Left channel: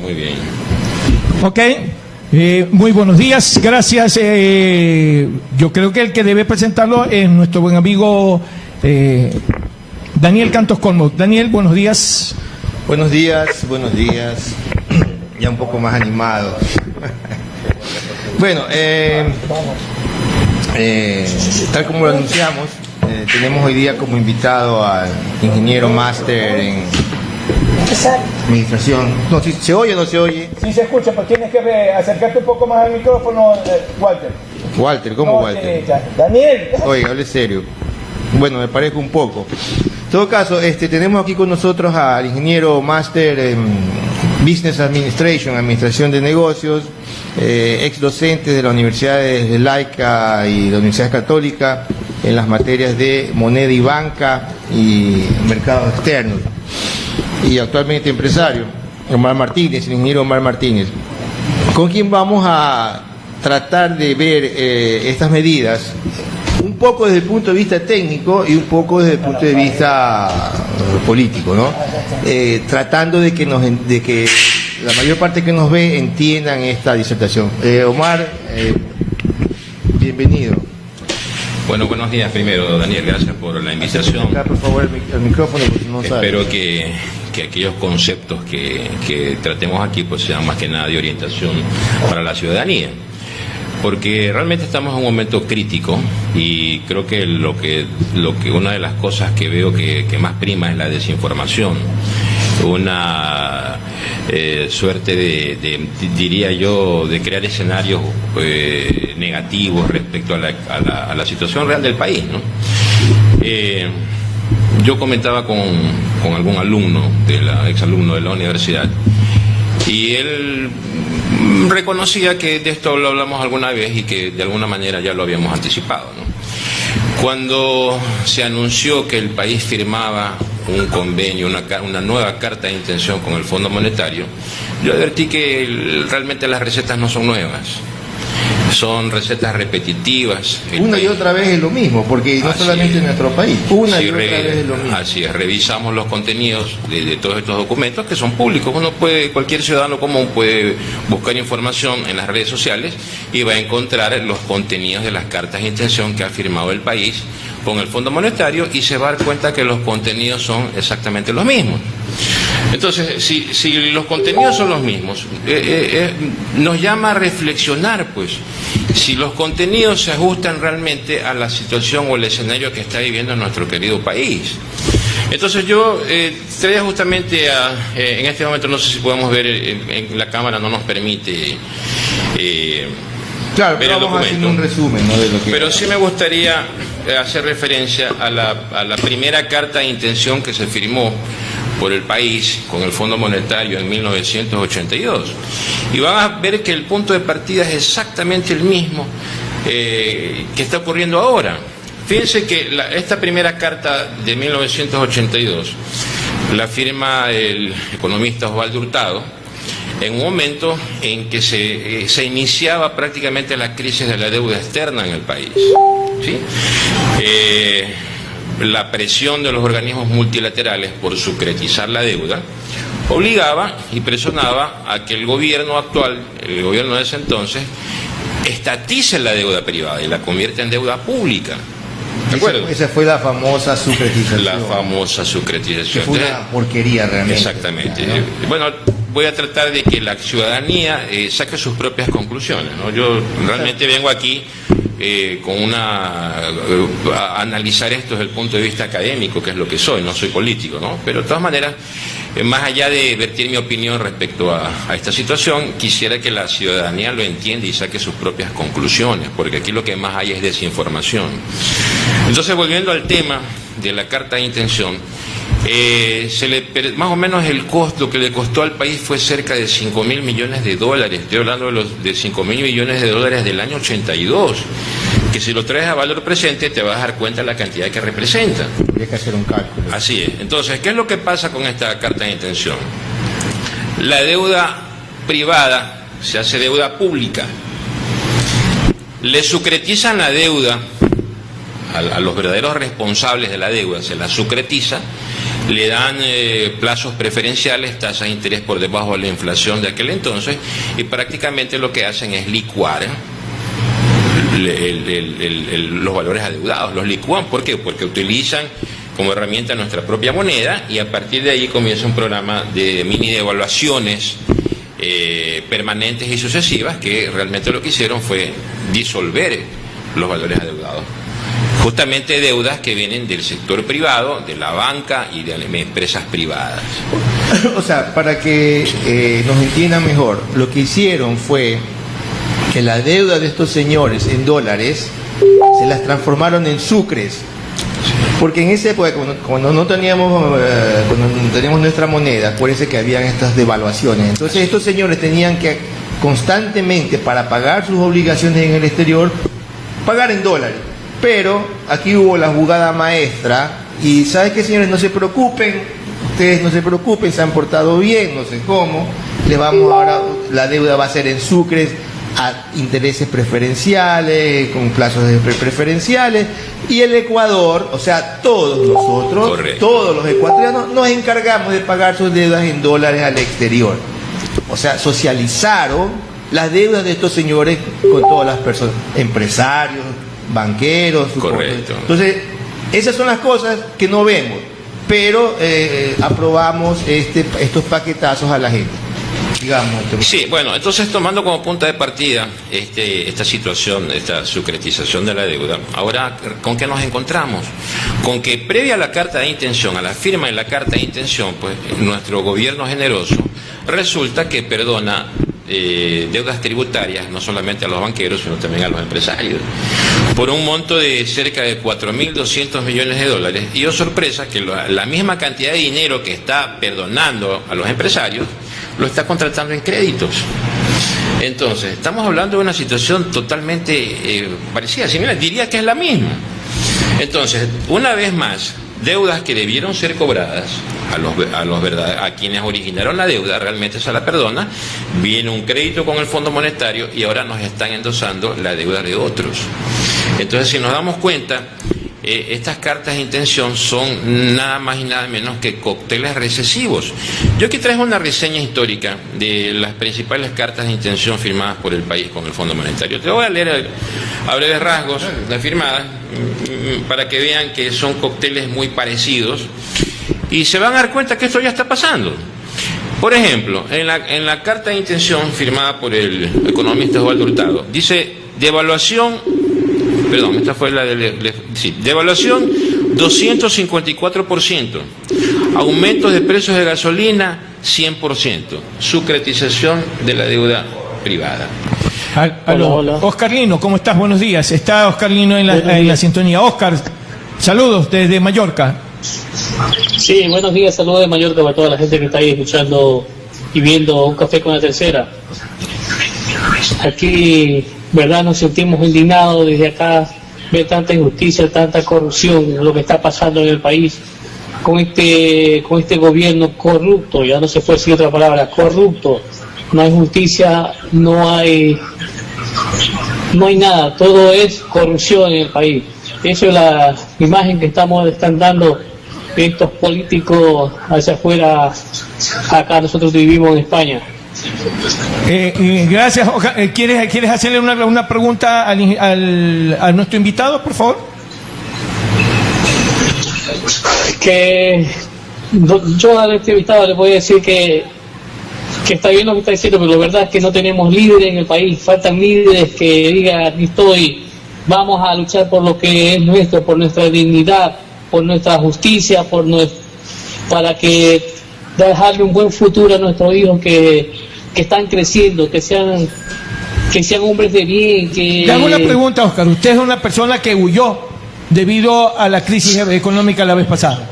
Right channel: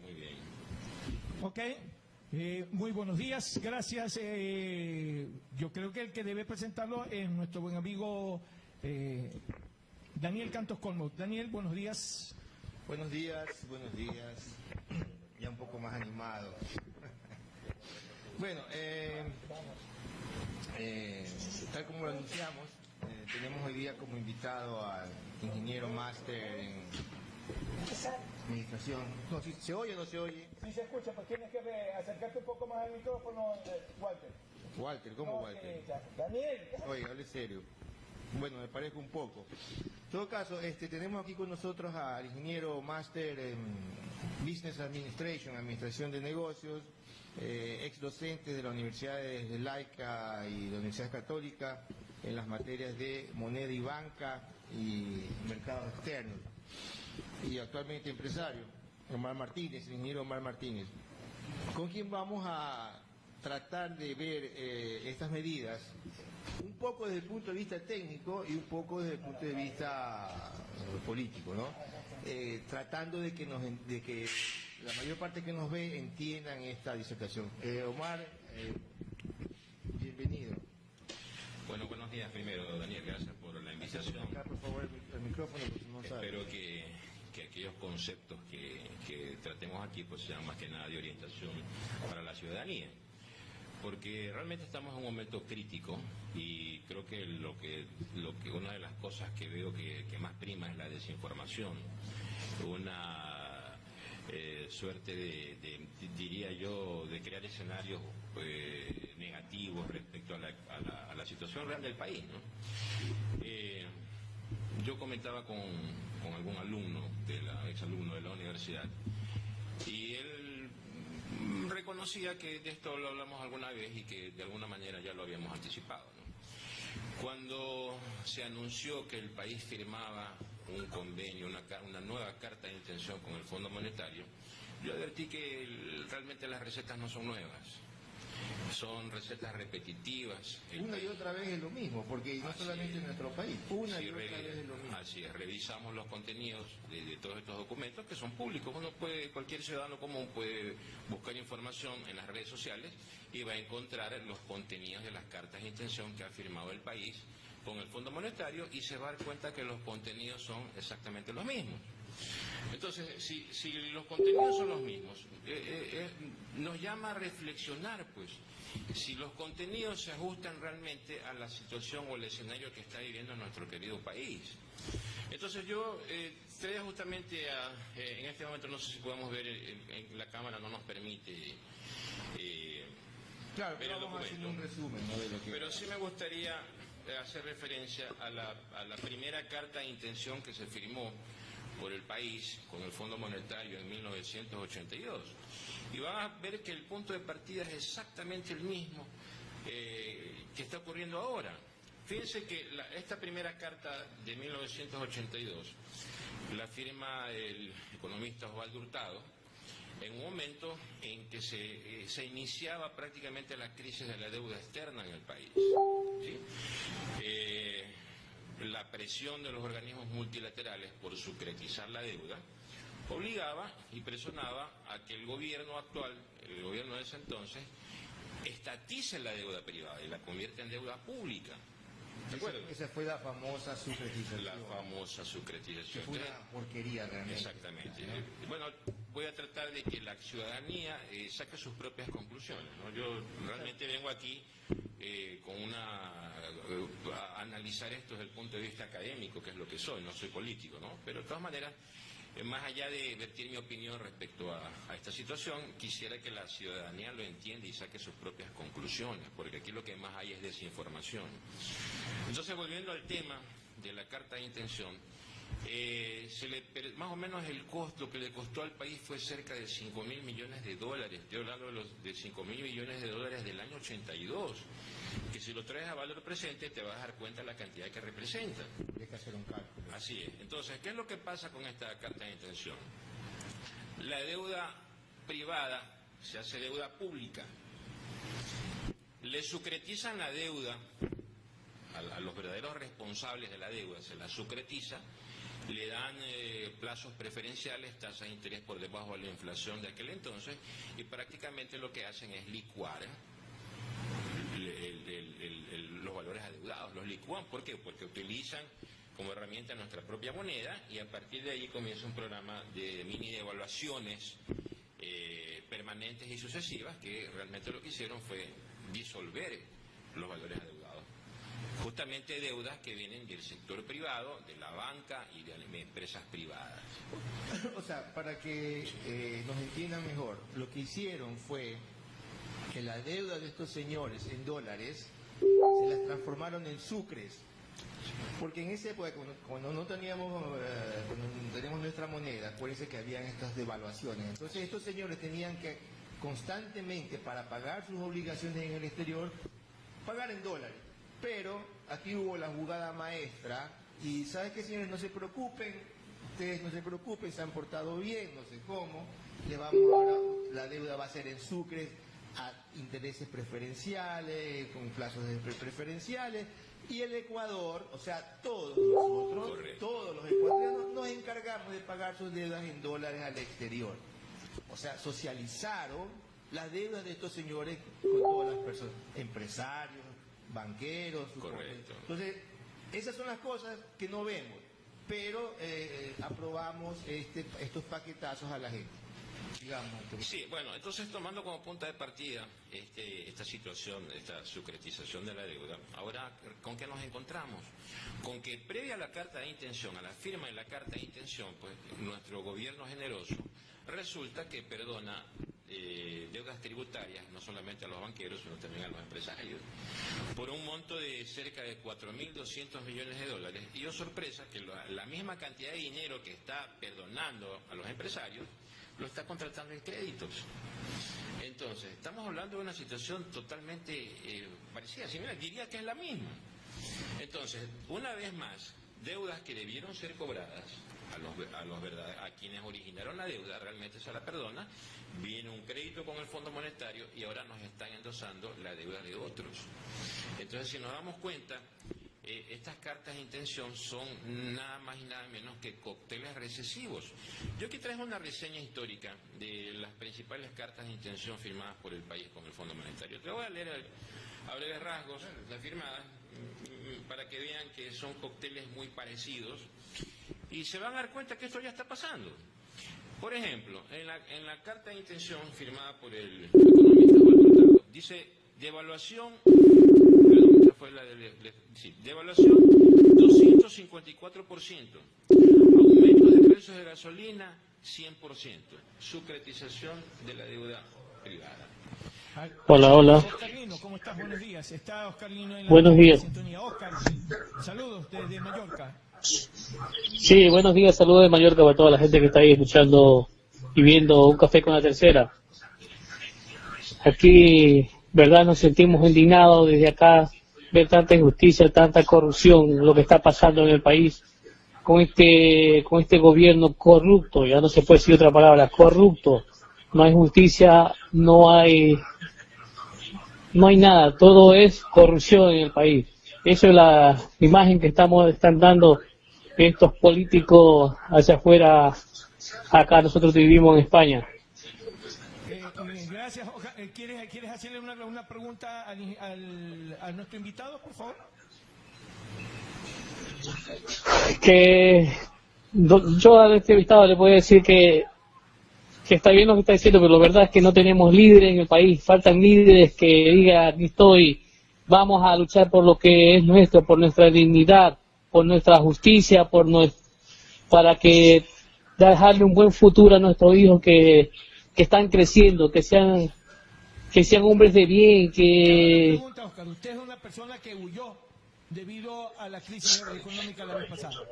muy bien. Ok. Muy buenos días, gracias. Yo creo que el que debe presentarlo es nuestro buen amigo Daniel Cantos Colmo. Daniel, buenos días. Buenos días, buenos días. Ya un poco más animado. Bueno, tal como lo anunciamos, tenemos hoy día como invitado al ingeniero máster en administración. No, si se oye o no se oye. Sí se escucha, pero tienes que acercarte un poco más al micrófono, Walter. Walter, ¿cómo Walter? Daniel. Oiga, hable serio. Bueno, me parezco un poco. En todo caso, tenemos aquí con nosotros al ingeniero máster en Business Administration, Administración de Negocios, ex docente de la Universidad de Laica y la Universidad Católica en las materias de moneda y banca y mercados externos. Y actualmente empresario, Omar Martínez, el ingeniero Omar Martínez, con quien vamos a tratar de ver estas medidas un poco desde el punto de vista técnico y un poco desde el punto de vista político, ¿no? Tratando de que la mayor parte que nos ve entiendan esta disertación. Omar, bienvenido. Bueno, buenos días primero, Daniel, gracias por la invitación. Acá, por favor, el micrófono, porque no sabe. Espero que aquellos conceptos que tratemos aquí pues sean más que nada de orientación para la ciudadanía. Porque realmente estamos en un momento crítico y creo que una de las cosas que veo que más prima es la desinformación. Una suerte diría yo, de crear escenarios negativos respecto a la situación real del país, ¿no? Yo comentaba con algún alumno, exalumno de la universidad, y él reconocía que de esto lo hablamos alguna vez y que de alguna manera ya lo habíamos anticipado, ¿no? Cuando se anunció que el país firmaba un convenio, una nueva carta de intención con el Fondo Monetario, yo advertí que realmente las recetas no son nuevas, son recetas repetitivas. Una y otra vez es lo mismo, porque no solamente en nuestro país, una y otra vez es lo mismo. Así es, revisamos los contenidos de todos estos documentos que son públicos. Cualquier ciudadano común puede buscar información en las redes sociales y va a encontrar los contenidos de las cartas de intención que ha firmado el país con el Fondo Monetario y se va a dar cuenta que los contenidos son exactamente los mismos. Entonces, si los contenidos son los mismos, nos llama a reflexionar, pues, si los contenidos se ajustan realmente a la situación o el escenario que está viviendo nuestro querido país. Entonces yo traía justamente en este momento, no sé si podemos ver en la cámara, no nos permite claro, ver el vamos documento. a hacer un resumen, ¿no? De lo que... Pero sí me gustaría hacer referencia a la primera carta de intención que se firmó por el país con el Fondo Monetario en 1982. Y van a ver que el punto de partida es exactamente el mismo que está ocurriendo ahora. Fíjense que esta primera carta de 1982 la firma el economista Osvaldo Hurtado en un momento en que se iniciaba prácticamente la crisis de la deuda externa en el país, ¿sí? La presión de los organismos multilaterales por sucretizar la deuda obligaba y presionaba a que el gobierno actual, el gobierno de ese entonces, estatice la deuda privada y la convierta en deuda pública. ¿De acuerdo? Esa fue la famosa sucretización. La famosa sucretización. Que fue una porquería realmente. Exactamente. ¿No? Bueno, voy a tratar de que la ciudadanía saque sus propias conclusiones, ¿no? Yo realmente vengo aquí a analizar esto desde el punto de vista académico, que es lo que soy, no soy político, ¿no? Pero de todas maneras, más allá de vertir mi opinión respecto a esta situación, quisiera que la ciudadanía lo entienda y saque sus propias conclusiones, porque aquí lo que más hay es desinformación. Entonces, volviendo al tema de la carta de intención, más o menos el costo que le costó al país fue cerca de 5.000 millones de dólares. Estoy hablando de 5.000 millones de dólares del año 82, que si lo traes a valor presente te vas a dar cuenta de la cantidad que representa. Hay que hacer un cálculo. Así es. Entonces, ¿qué es lo que pasa con esta carta de intención? La deuda privada se hace deuda pública. Le sucretizan la deuda a los verdaderos responsables de la deuda, se la sucretiza, le dan plazos preferenciales, tasas de interés por debajo de la inflación de aquel entonces, y prácticamente lo que hacen es licuar los valores adeudados, los licúan. ¿Por qué? Porque utilizan como herramienta nuestra propia moneda, y a partir de ahí comienza un programa de mini devaluaciones permanentes y sucesivas, que realmente lo que hicieron fue disolver los valores adeudados. Justamente deudas que vienen del sector privado, de la banca y de empresas privadas. O sea, para que nos entiendan mejor, lo que hicieron fue que la deuda de estos señores en dólares se las transformaron en sucres. Porque en esa época, cuando no teníamos, cuando teníamos nuestra moneda, acuérdense que habían estas devaluaciones. Entonces estos señores tenían que constantemente, para pagar sus obligaciones en el exterior, pagar en dólares. Pero aquí hubo la jugada maestra, y ¿sabes qué, señores? No se preocupen, ustedes no se preocupen, se han portado bien, no sé cómo, les vamos ahora, la deuda va a ser en sucres, a intereses preferenciales, con plazos preferenciales, y el Ecuador, o sea, todos nosotros, correcto, todos los ecuatorianos, nos encargamos de pagar sus deudas en dólares al exterior. O sea, socializaron las deudas de estos señores con todas las personas, empresarios, banqueros. Correcto. Entonces, esas son las cosas que no vemos, pero aprobamos estos paquetazos a la gente. Sí, bueno, entonces tomando como punta de partida esta situación, esta sucretización de la deuda, ahora, ¿con qué nos encontramos? Con que previa a la carta de intención, a la firma de la carta de intención, pues nuestro gobierno generoso resulta que perdona deudas tributarias, no solamente a los banqueros, sino también a los empresarios, por un monto de cerca de 4.200 millones de dólares. Y oh sorpresa, que la misma cantidad de dinero que está perdonando a los empresarios lo está contratando en créditos. Entonces, estamos hablando de una situación totalmente parecida, similar, diría que es la misma. Entonces, una vez más, deudas que debieron ser cobradas a quienes originaron la deuda, realmente se la perdona, viene un crédito con el Fondo Monetario y ahora nos están endosando la deuda de otros. Entonces, si nos damos cuenta, estas cartas de intención son nada más y nada menos que cócteles recesivos. Yo aquí traigo una reseña histórica de las principales cartas de intención firmadas por el país con el Fondo Monetario. Te voy a leer a breves rasgos las firmadas para que vean que son cócteles muy parecidos y se van a dar cuenta que esto ya está pasando. Por ejemplo, en la carta de intención firmada por el economista Osvaldo Hurtado, dice devaluación, perdón, esta fue la devaluación 254%, aumentos de precios de gasolina 100%, sucretización de la deuda privada. Hola. Oscar Lino, ¿cómo estás? Buenos días. Está Oscar Lino en la sintonía. Oscar, saludos desde Mallorca. Sí, buenos días, saludos de Mallorca para toda la gente que está ahí escuchando y viendo Un Café con la Tercera. Aquí, verdad, nos sentimos indignados desde acá, ver tanta injusticia, tanta corrupción, lo que está pasando en el país con este gobierno corrupto. Ya no se puede decir otra palabra, corrupto. No hay justicia, no hay nada, todo es corrupción en el país. Esa es la imagen que están dando estos políticos hacia afuera. Acá nosotros vivimos en España. Gracias. ¿Quieres hacerle una pregunta a nuestro invitado, por favor? Que yo al invitado le voy a decir que está bien lo que está diciendo, pero la verdad es que no tenemos líderes en el país. Faltan líderes que digan, aquí estoy, vamos a luchar por lo que es nuestro, por nuestra dignidad, por nuestra justicia, para que dejarle un buen futuro a nuestros hijos que están creciendo, que sean hombres de bien. Le hago una pregunta, Oscar. Usted es una persona que huyó debido a la crisis económica la vez pasada,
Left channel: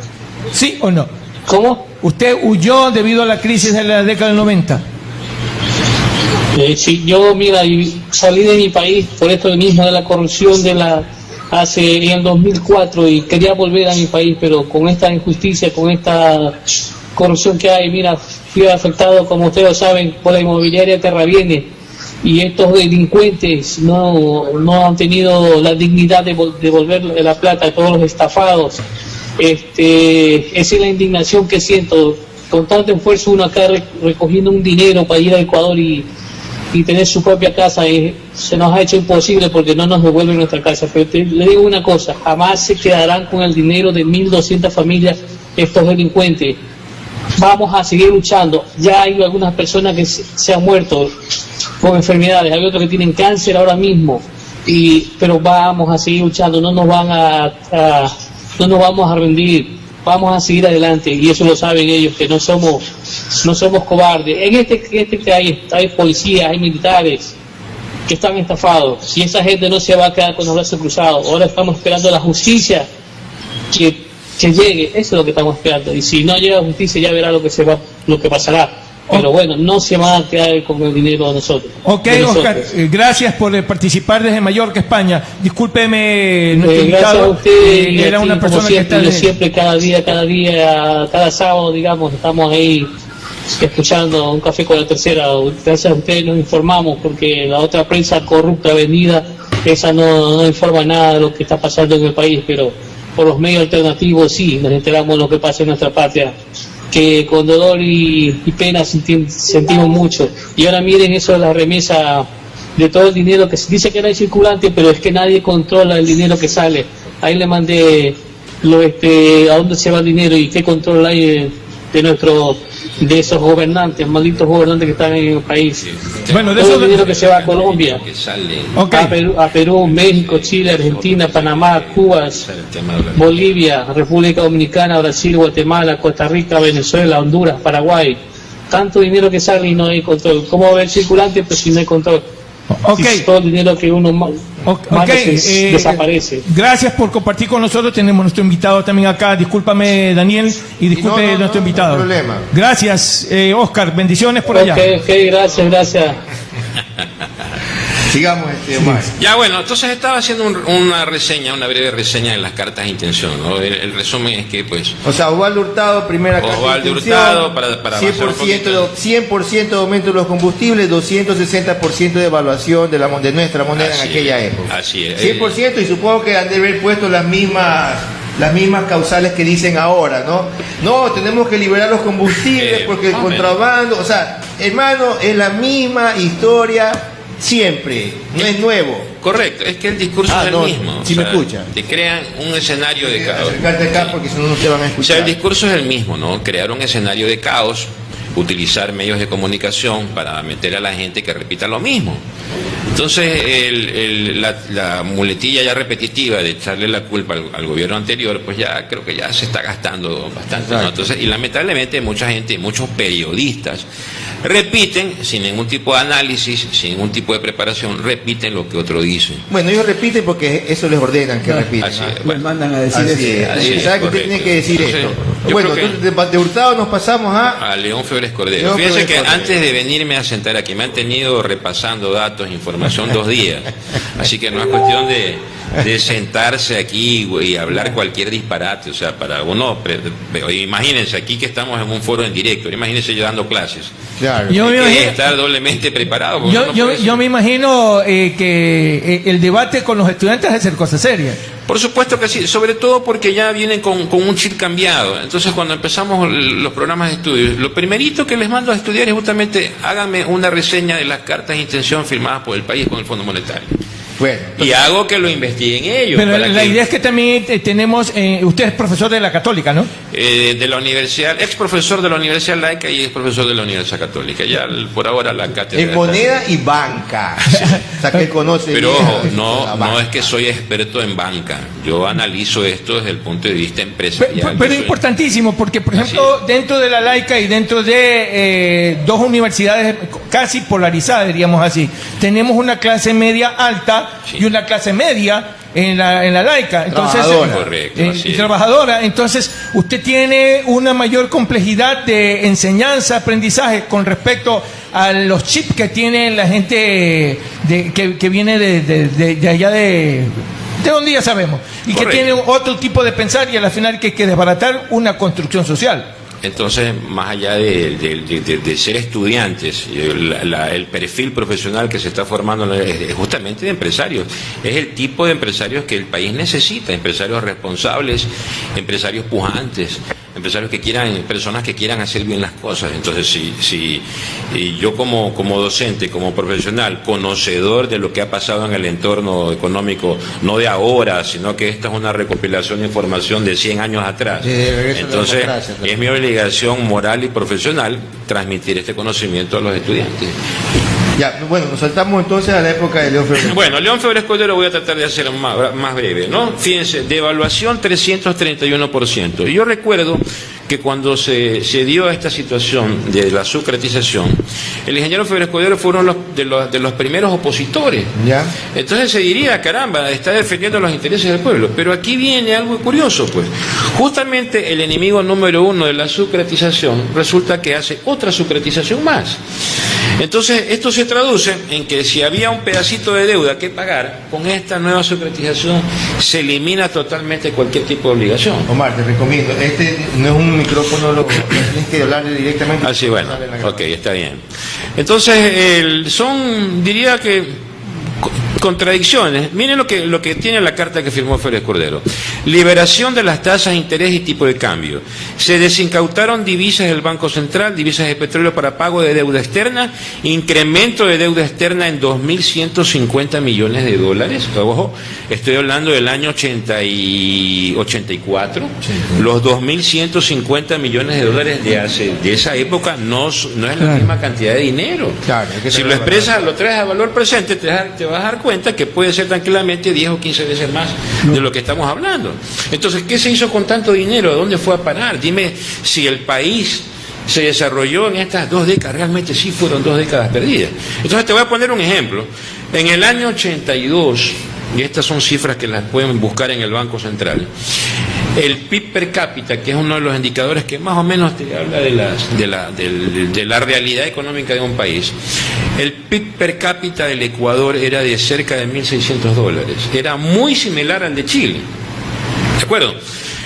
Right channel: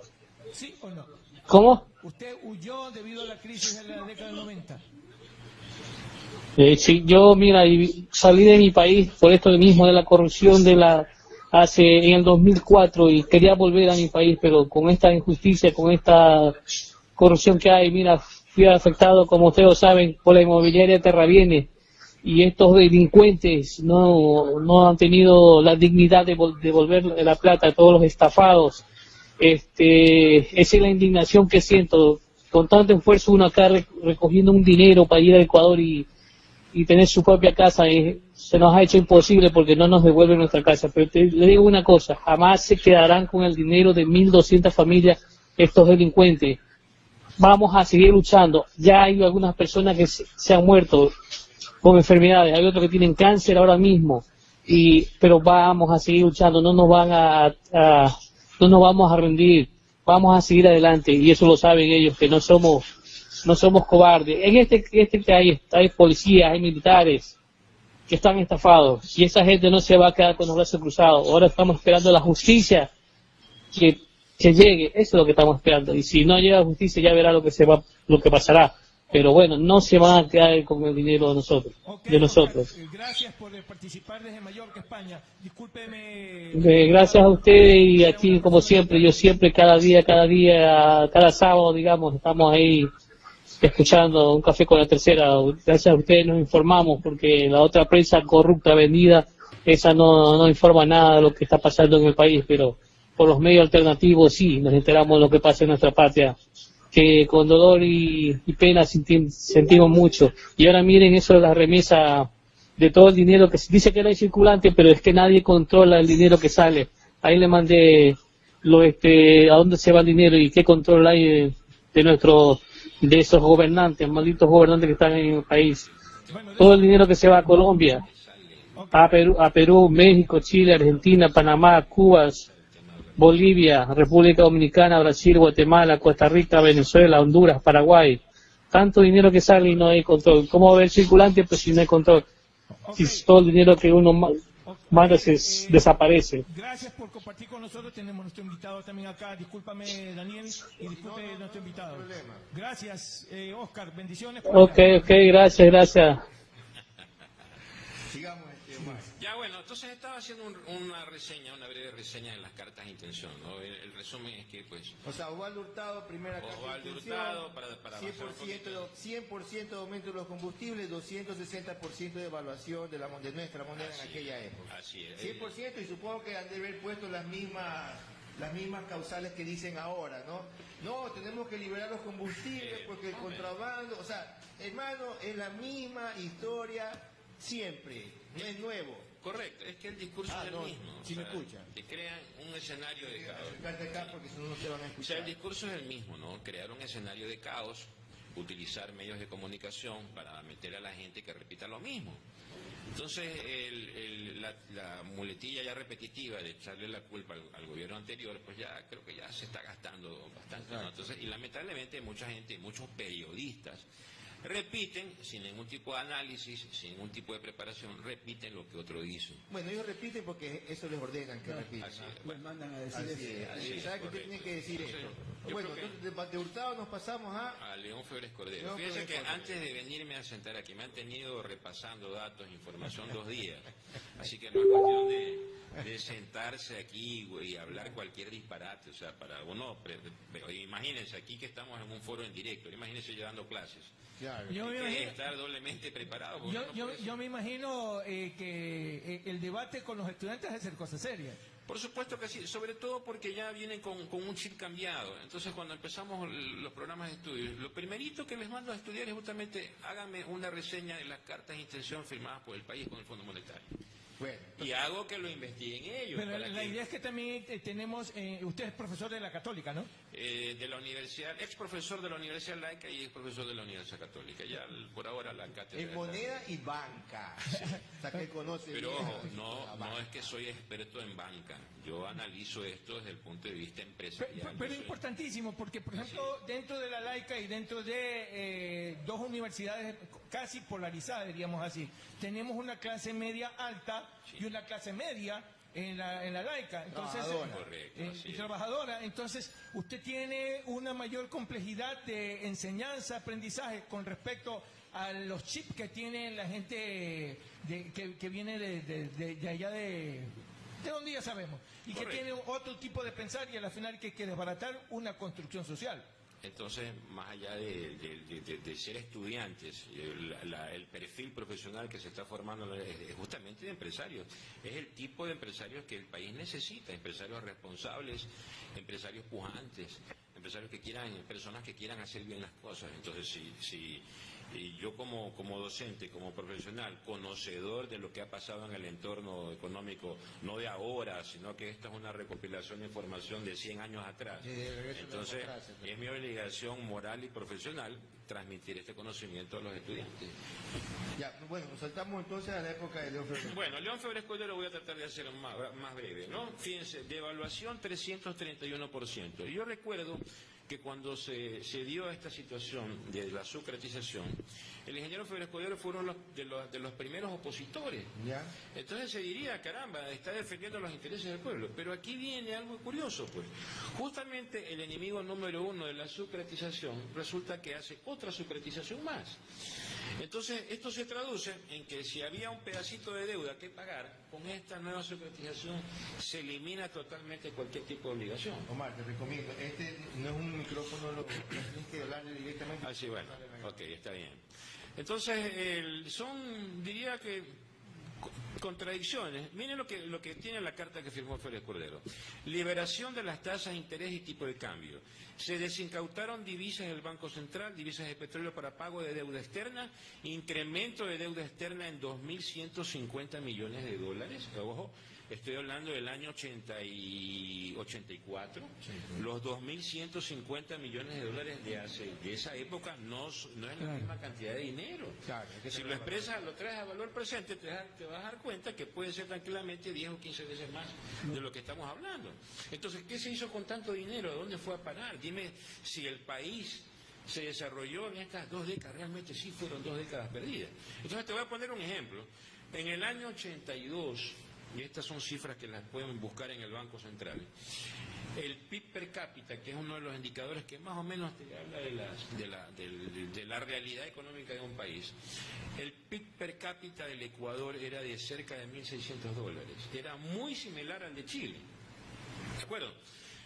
¿sí o no? ¿Cómo? ¿Usted huyó debido a la crisis de la década del 90? Sí, yo, mira, salí de mi país por esto mismo de la corrupción en el 2004 y quería volver a mi país, pero con esta injusticia, con esta corrupción que hay, mira, fui afectado, como ustedes saben, por la inmobiliaria Terraviene, y estos delincuentes no han tenido la dignidad de devolver la plata a todos los estafados. Esa es la indignación que siento. Con tanto esfuerzo uno acá recogiendo un dinero para ir a Ecuador y tener su propia casa, se nos ha hecho imposible porque no nos devuelven nuestra casa. Pero le digo una cosa, jamás se quedarán con el dinero de 1.200 familias estos delincuentes. Vamos a seguir luchando. Ya hay algunas personas que se han muerto con enfermedades, hay otros que tienen cáncer ahora mismo, pero vamos a seguir luchando, no nos vamos a rendir, vamos a seguir adelante, y eso lo saben ellos, que no somos cobardes. En este hay policías, hay militares que están estafados, y esa gente no se va a quedar con los brazos cruzados. Ahora estamos esperando a la justicia que llegue, eso es lo que estamos esperando, y si no llega la justicia ya verá lo que pasará. Pero bueno, no se van a quedar con el dinero de nosotros. Ok, Oscar, gracias por participar desde Mallorca, España. Discúlpeme, gracias a usted y era a ti, una persona como siempre, que yo siempre, cada día, cada sábado, digamos, estamos ahí escuchando Un Café con la Tercera. Gracias a ustedes nos informamos, porque la otra prensa corrupta venida, esa no informa nada de lo que está pasando en el país, pero por los medios alternativos sí, nos enteramos de lo que pasa en nuestra patria, que con dolor y pena sentimos mucho. Y ahora miren eso de la remesa, de todo el dinero que se dice que no hay circulante, pero es que nadie controla el dinero que sale. Ahí le mandé a dónde se va el dinero y qué control hay de esos gobernantes, malditos gobernantes que están en el país. Bueno, todo el dinero que se va a Colombia, okay, a Perú, México, Chile, Argentina, Panamá, Cuba, Bolivia, República Dominicana, Brasil, Guatemala, Costa Rica, Venezuela, Honduras, Paraguay. Tanto dinero que sale y no hay control. ¿Cómo va a haber circulante pero si no hay control? Okay. Si todo el dinero que uno manda desaparece. Gracias por compartir con nosotros. Tenemos nuestro invitado también acá. Discúlpame, Daniel, y disculpe nuestro invitado. No hay problema. Gracias, Oscar. Bendiciones por allá. Ok, gracias. Sigamos, Omar. Ya, bueno, entonces estaba haciendo una breve reseña de las cartas de intención, ¿no? El resumen es que, pues... O sea, Osvaldo Hurtado, primera carta Osvaldo de intención, Hurtado, para 100% de aumento de los combustibles, 260% de evaluación de nuestra moneda en aquella época. Así es. 100%, y supongo que han de haber puesto las mismas causales que dicen ahora, ¿no? No, tenemos que liberar los combustibles porque el contrabando... O sea, hermano, es la misma historia... Siempre, no es nuevo. Correcto, es que el discurso es el mismo. Si me escuchan. Te crean un escenario de caos. Acercarte acá porque si no, no te van a escuchar. O sea, el discurso es el mismo, ¿no? Crear un escenario de caos, utilizar medios de comunicación para meter a la gente que repita lo mismo. Entonces, la muletilla ya repetitiva de echarle la culpa al gobierno anterior, pues ya creo que ya se está gastando bastante, ¿no? Entonces, y lamentablemente mucha gente, muchos periodistas, repiten, sin ningún tipo de análisis, sin ningún tipo de preparación, repiten lo que otro dice. Bueno, ellos repiten porque eso les ordenan que repitan. Así es. Les mandan a decir eso. ¿Sabe que usted tiene que decir Entonces, esto? Bueno, entonces de Hurtado nos pasamos a León Febres Cordero. Fíjense que antes de venirme a sentar aquí me han tenido repasando datos, información 2 días. Así que no es cuestión de sentarse aquí y hablar cualquier disparate. O sea, para uno, imagínense aquí que estamos en un foro en directo, imagínense yo dando clases. Claro. Yo me Hay que imagino, estar doblemente preparado. yo me imagino que el debate con los estudiantes es hacer cosas serias. Por supuesto que sí, sobre todo porque ya vienen con un chip cambiado. Entonces, cuando empezamos los programas de estudio, lo primerito que les mando a estudiar es justamente háganme una reseña de las cartas de intención firmadas por el país con el Fondo Monetario. Bueno, Y hago que lo investiguen ellos. Pero para la idea es que también tenemos, usted es profesor de la Católica, ¿no? de la universidad, ex profesor de la Universidad Laica y ex profesor de la Universidad Católica. Ya por ahora la cátedra. en moneda y banca. O sea, que él conoce Pero bien ojo, la no banca. es que soy experto en banca. Yo analizo esto desde el punto de vista empresarial. Pero es importantísimo porque, por ejemplo, dentro de la Laica y dentro de 2 universidades casi polarizadas, diríamos así, tenemos una clase media alta y una clase media en la Laica. Entonces, Trabajadora. Correcto, así es. trabajadora. Entonces, usted tiene una mayor complejidad de enseñanza, aprendizaje con respecto a los chips que tiene la gente que viene de allá de donde ya sabemos, y Correcto. que tiene otro tipo de pensar y al final que hay que desbaratar una construcción social. Entonces, más allá de ser estudiantes, el perfil profesional que se está formando es justamente de empresarios. Es el tipo de empresarios que el país necesita, empresarios responsables, empresarios pujantes, empresarios que quieran, personas que quieran hacer bien las cosas. Entonces, si yo como docente, como profesional, conocedor de lo que ha pasado en el entorno económico, no de ahora, sino que esta es una recopilación de información de 100 años atrás, entonces es mi obligación moral y profesional transmitir este conocimiento a los estudiantes. Ya, bueno, nos saltamos entonces a la época de León Febres. Bueno, León Febres Cordero voy a tratar de hacer más breve, ¿no? Fíjense, devaluación 331%. Y yo recuerdo que cuando se dio esta situación de la sucretización, el ingeniero Febres Cordero fue uno de los primeros opositores. ¿Ya? Entonces se diría, caramba, está defendiendo los intereses del pueblo. Pero aquí viene algo curioso, pues. Justamente el enemigo número uno de la sucretización resulta que hace otra sucretización más. Entonces, esto se traduce en que si había un pedacito de deuda que pagar, con esta nueva sucretización se elimina totalmente cualquier tipo de obligación. Omar, te recomiendo, este no es un micrófono, tienes que hablarle directamente. Ah, sí, bueno, ok, está bien. Entonces, diría que contradicciones. Miren lo que tiene la carta que firmó Febres Cordero. Liberación de las tasas, interés y tipo de cambio. Se desincautaron divisas del Banco Central, divisas de petróleo para pago de deuda externa, incremento de deuda externa en 2.150 millones de dólares. Ojo, estoy hablando del año 84. Sí. Los 2.150 millones de dólares de esa época no es la misma cantidad de dinero. Claro, si lo expresas, lo traes a valor presente, te vas a dar cuenta que puede ser tranquilamente 10 o 15 veces más de lo que estamos hablando. Entonces, ¿qué se hizo con tanto dinero? ¿A dónde fue a parar? Dime si el país se desarrolló en estas 2 décadas, realmente sí fueron 2 décadas perdidas. Entonces te voy a poner un ejemplo. En el año 82, y estas son cifras que las pueden buscar en el Banco Central, el PIB per cápita, que es uno de los indicadores que más o menos te habla de la realidad económica de un país, el PIB per cápita del Ecuador era de cerca de $1.600. Era muy similar al de Chile. ¿De acuerdo?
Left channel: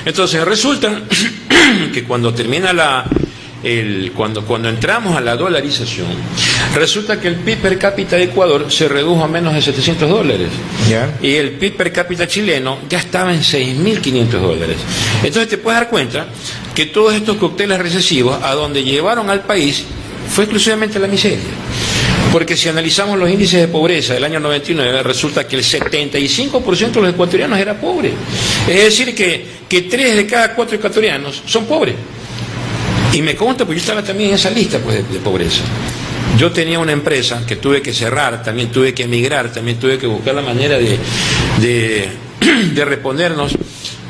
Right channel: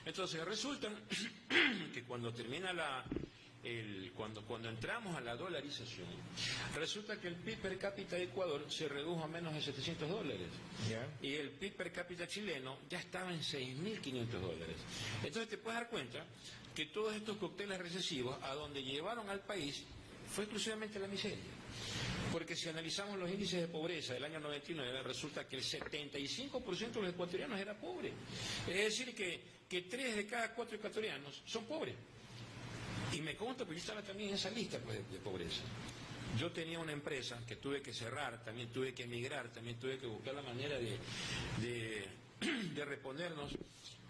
Entonces resulta que cuando termina cuando entramos a la dolarización, resulta que el PIB per cápita de Ecuador se redujo a menos de $700. ¿Ya? Y el PIB per cápita chileno ya estaba en $6.500. Entonces te puedes dar cuenta que todos estos cócteles recesivos a donde llevaron al país fue exclusivamente la miseria. Porque si analizamos los índices de pobreza del año 99, resulta que el 75% de los ecuatorianos era pobre. Es decir, que 3 de cada 4 ecuatorianos son pobres. Y me consta, porque yo estaba también en esa lista, pues, de pobreza. Yo tenía una empresa que tuve que cerrar, también tuve que emigrar, también tuve que buscar la manera de reponernos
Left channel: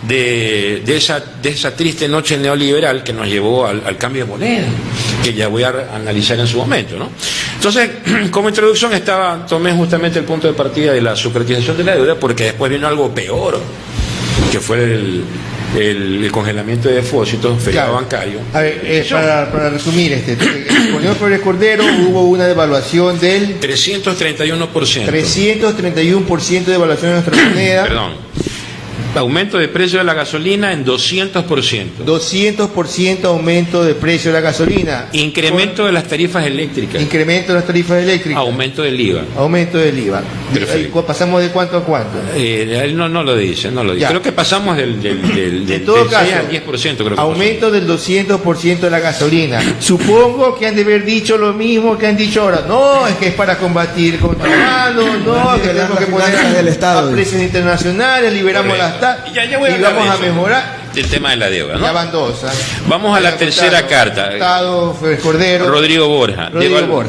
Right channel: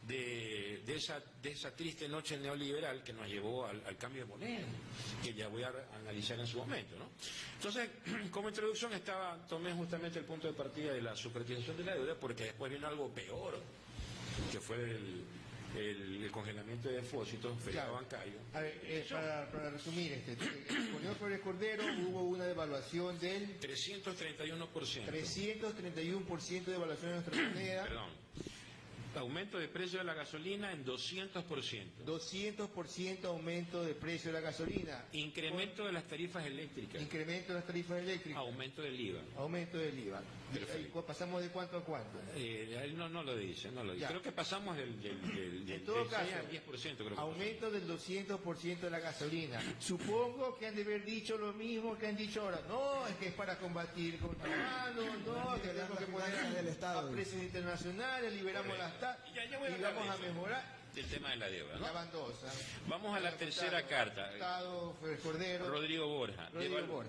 de esa triste noche neoliberal que nos llevó al cambio de moneda, que ya voy a analizar en su momento, ¿no? Entonces, como introducción tomé justamente el punto de partida de la sucretización de la deuda, porque después vino algo peor, que fue el congelamiento de depósitos, feriado bancario. A ver, para resumir, con León Febres Cordero hubo una devaluación del 331%. 331% de devaluación de nuestra moneda. Perdón. Aumento de precio de la gasolina en 200%. 200% aumento de precio de la gasolina. Incremento de las tarifas eléctricas. Incremento de las tarifas eléctricas. Aumento del IVA. Aumento del IVA. ¿Pasamos de cuánto a cuánto? No lo dice, no lo dice. Creo que pasamos del 6 al 10%. Creo que aumento del 200% de la gasolina. Supongo que han de haber dicho lo mismo que han dicho ahora. No, es que es para combatir contrabando. No, que tenemos que poner a precios internacionales, liberamos las tasas. Ya voy y vamos a mejorar el tema de la deuda, ¿no? Ya van 2. Vamos a la tercera carta. Febres Cordero. Rodrigo Borja.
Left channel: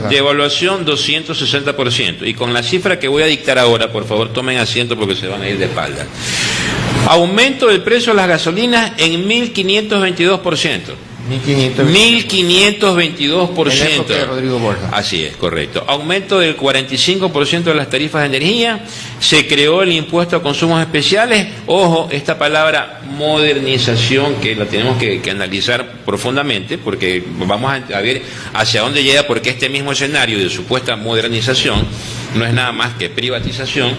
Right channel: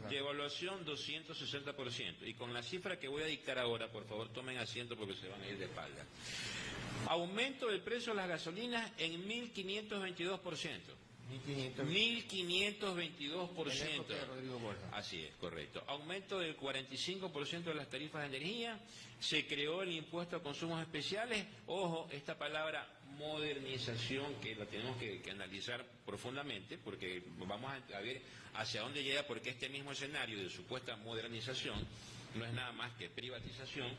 Devaluación 260%. Y con la cifra que voy a dictar ahora, por favor, tomen asiento porque se van a ir de espalda. Aumento del precio de las gasolinas en 1.522%. 1.522%. De Rodrigo Borja. Así es, correcto. Aumento del 45% de las tarifas de energía. Se creó el impuesto a consumos especiales. Ojo, esta palabra modernización que la tenemos que analizar profundamente, porque vamos a ver hacia dónde llega, porque este mismo escenario de supuesta modernización no es nada más que privatización,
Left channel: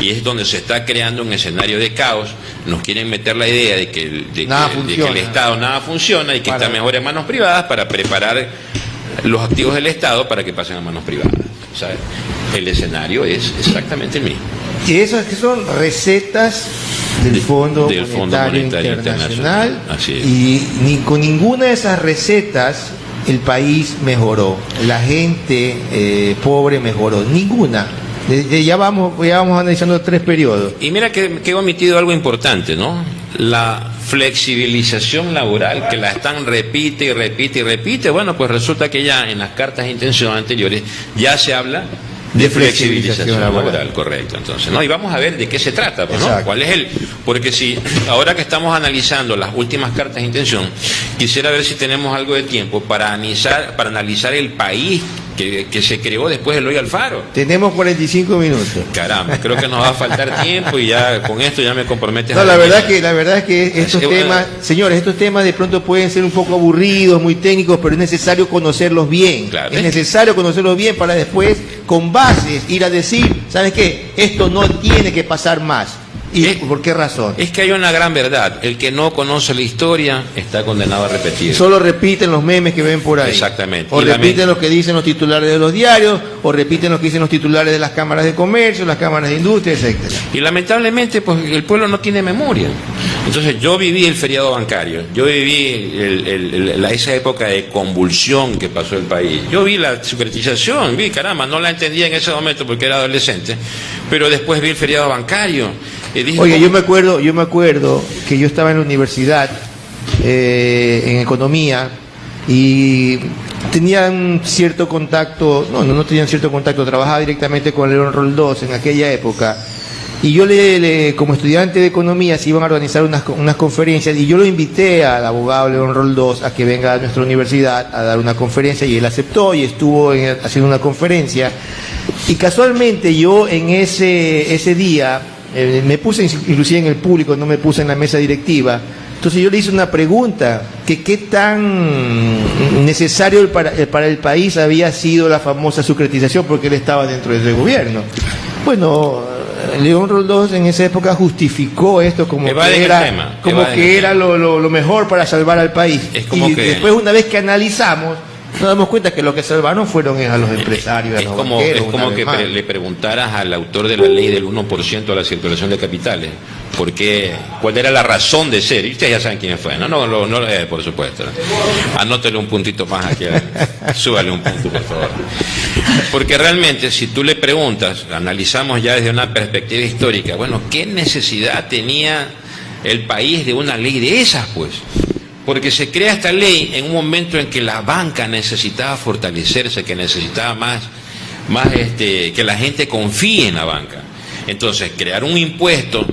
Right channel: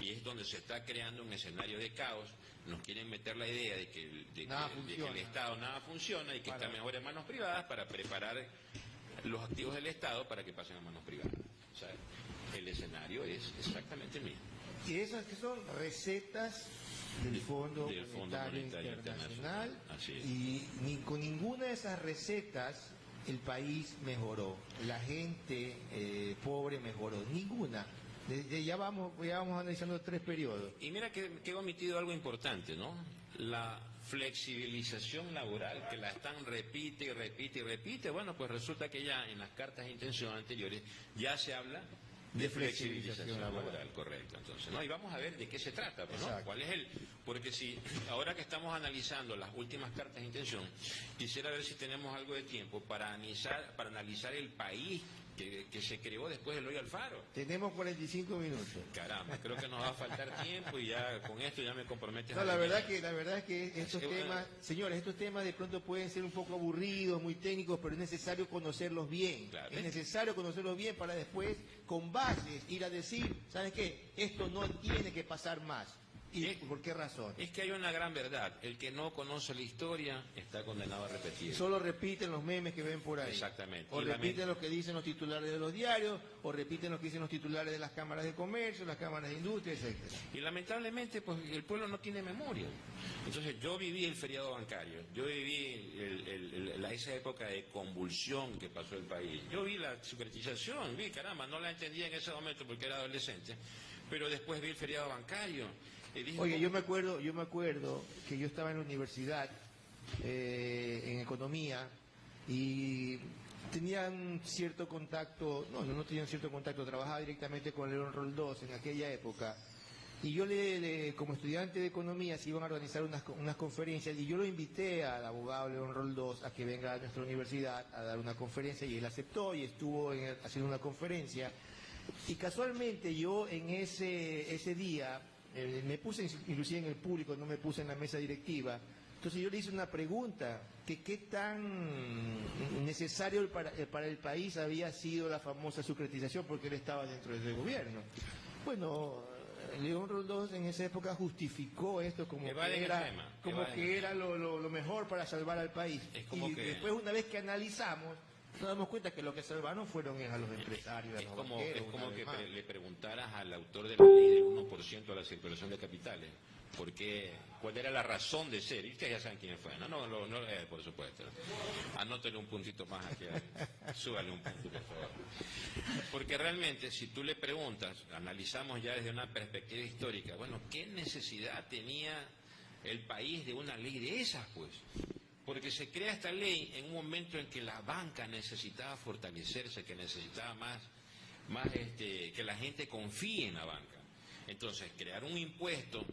y es donde se está creando un escenario de caos. Nos quieren meter la idea de que el Estado nada funciona y que está mejor en manos privadas para preparar los activos del Estado para que pasen a manos privadas. O sea, el escenario es exactamente el mismo. Y esas que son recetas del Fondo Monetario Internacional, así es. Y con ninguna de esas recetas el país mejoró, la gente pobre mejoró, ninguna. Ya vamos analizando 3 periodos. Y mira que he omitido algo importante, ¿no? La flexibilización laboral, que la están repite y repite y repite. Bueno, pues resulta que ya en las cartas de intención anteriores ya se habla de flexibilización laboral, correcto. Entonces, ¿no? Y vamos a ver de qué se trata, pues, ¿no? ¿Cuál es porque si ahora que estamos analizando las últimas cartas de intención, quisiera ver si tenemos algo de tiempo para analizar el país que se creó después del Eloy Alfaro. Tenemos 45 minutos. Caramba, creo que nos va a faltar tiempo y ya con esto ya me comprometes. No, la verdad es que estos temas, señores, estos temas de pronto pueden ser un poco aburridos, muy técnicos, pero es necesario conocerlos bien. Claro, es necesario conocerlos bien para después, con bases, ir a decir, ¿sabes qué? Esto no tiene que pasar más. ¿Y por qué razón? Es que hay una gran verdad. El que no conoce la historia está condenado a repetir. Solo repiten los memes que ven por ahí. Exactamente. O repiten lo que dicen los titulares de los diarios, o repiten lo que dicen los titulares de las cámaras de comercio, las cámaras de industria, etcétera. Y lamentablemente, pues el pueblo no tiene memoria. Entonces yo viví el feriado bancario, yo viví esa época de convulsión que pasó el país. Yo vi la securitización, caramba, no la entendía en ese momento porque era adolescente, pero después vi el feriado bancario. Oye, yo me acuerdo que yo estaba en la universidad en economía y tenían cierto contacto, no tenían cierto contacto, trabajaba directamente con León Roldós en aquella época, y yo como estudiante de economía se iban a organizar unas conferencias, y yo lo invité al abogado León Roldós a que venga a nuestra universidad a dar una conferencia, y él aceptó y estuvo haciendo una conferencia, y casualmente yo en ese día me puse inclusive en el público, no me puse en la mesa directiva. Entonces yo le hice una pregunta, que qué tan necesario para el país había sido la famosa securitización, porque él estaba dentro del gobierno. Bueno, León Roldós en esa época justificó esto como que era lo mejor para salvar al país. Después, una vez que analizamos, nos damos cuenta que lo que salvaron fueron a los empresarios, a los banqueros. Es como que le preguntaras al autor de la ley del 1% a la circulación de capitales, ¿cuál era la razón de ser? Y ustedes ya saben quién fue, ¿no? Por supuesto. Anótele un puntito más aquí, súbale un punto, por favor. Porque realmente, si tú le preguntas, analizamos ya desde una perspectiva histórica, bueno, ¿qué necesidad tenía el país de una ley de esas, pues? Porque se crea esta ley en un momento en que la banca necesitaba fortalecerse, que necesitaba más que la gente confíe en la banca. Entonces, crear un impuesto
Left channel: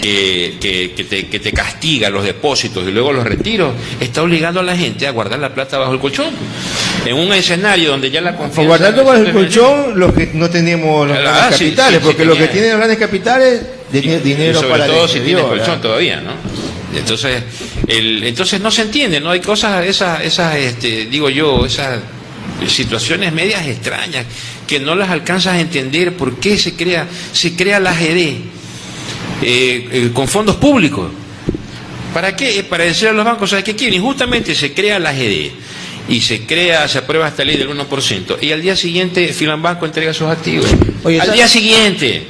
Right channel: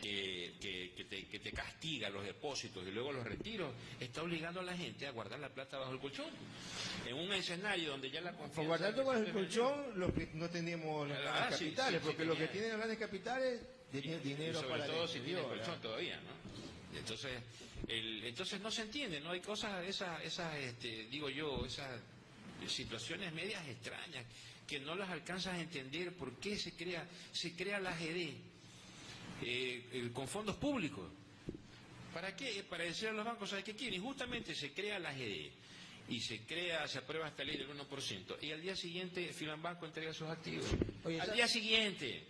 que te castiga los depósitos y luego los retiros, está obligando a la gente a guardar la plata bajo el colchón. En un escenario donde ya la confianza... Guardando bajo el colchón los que no tenemos los grandes capitales, porque los que tienen los grandes capitales, dinero sobre para... Sobre todo si tienes colchón todavía, ¿no? Entonces no se entiende, ¿no? Hay cosas, esas situaciones medias extrañas que no las alcanzas a entender. ¿Por qué se crea la AGD con fondos públicos? ¿Para qué? Para decir a los bancos, ¿sabes qué quieren? Y justamente se crea la AGD y se aprueba esta ley del 1%, y al día siguiente Filambanco entrega sus activos. Al día siguiente.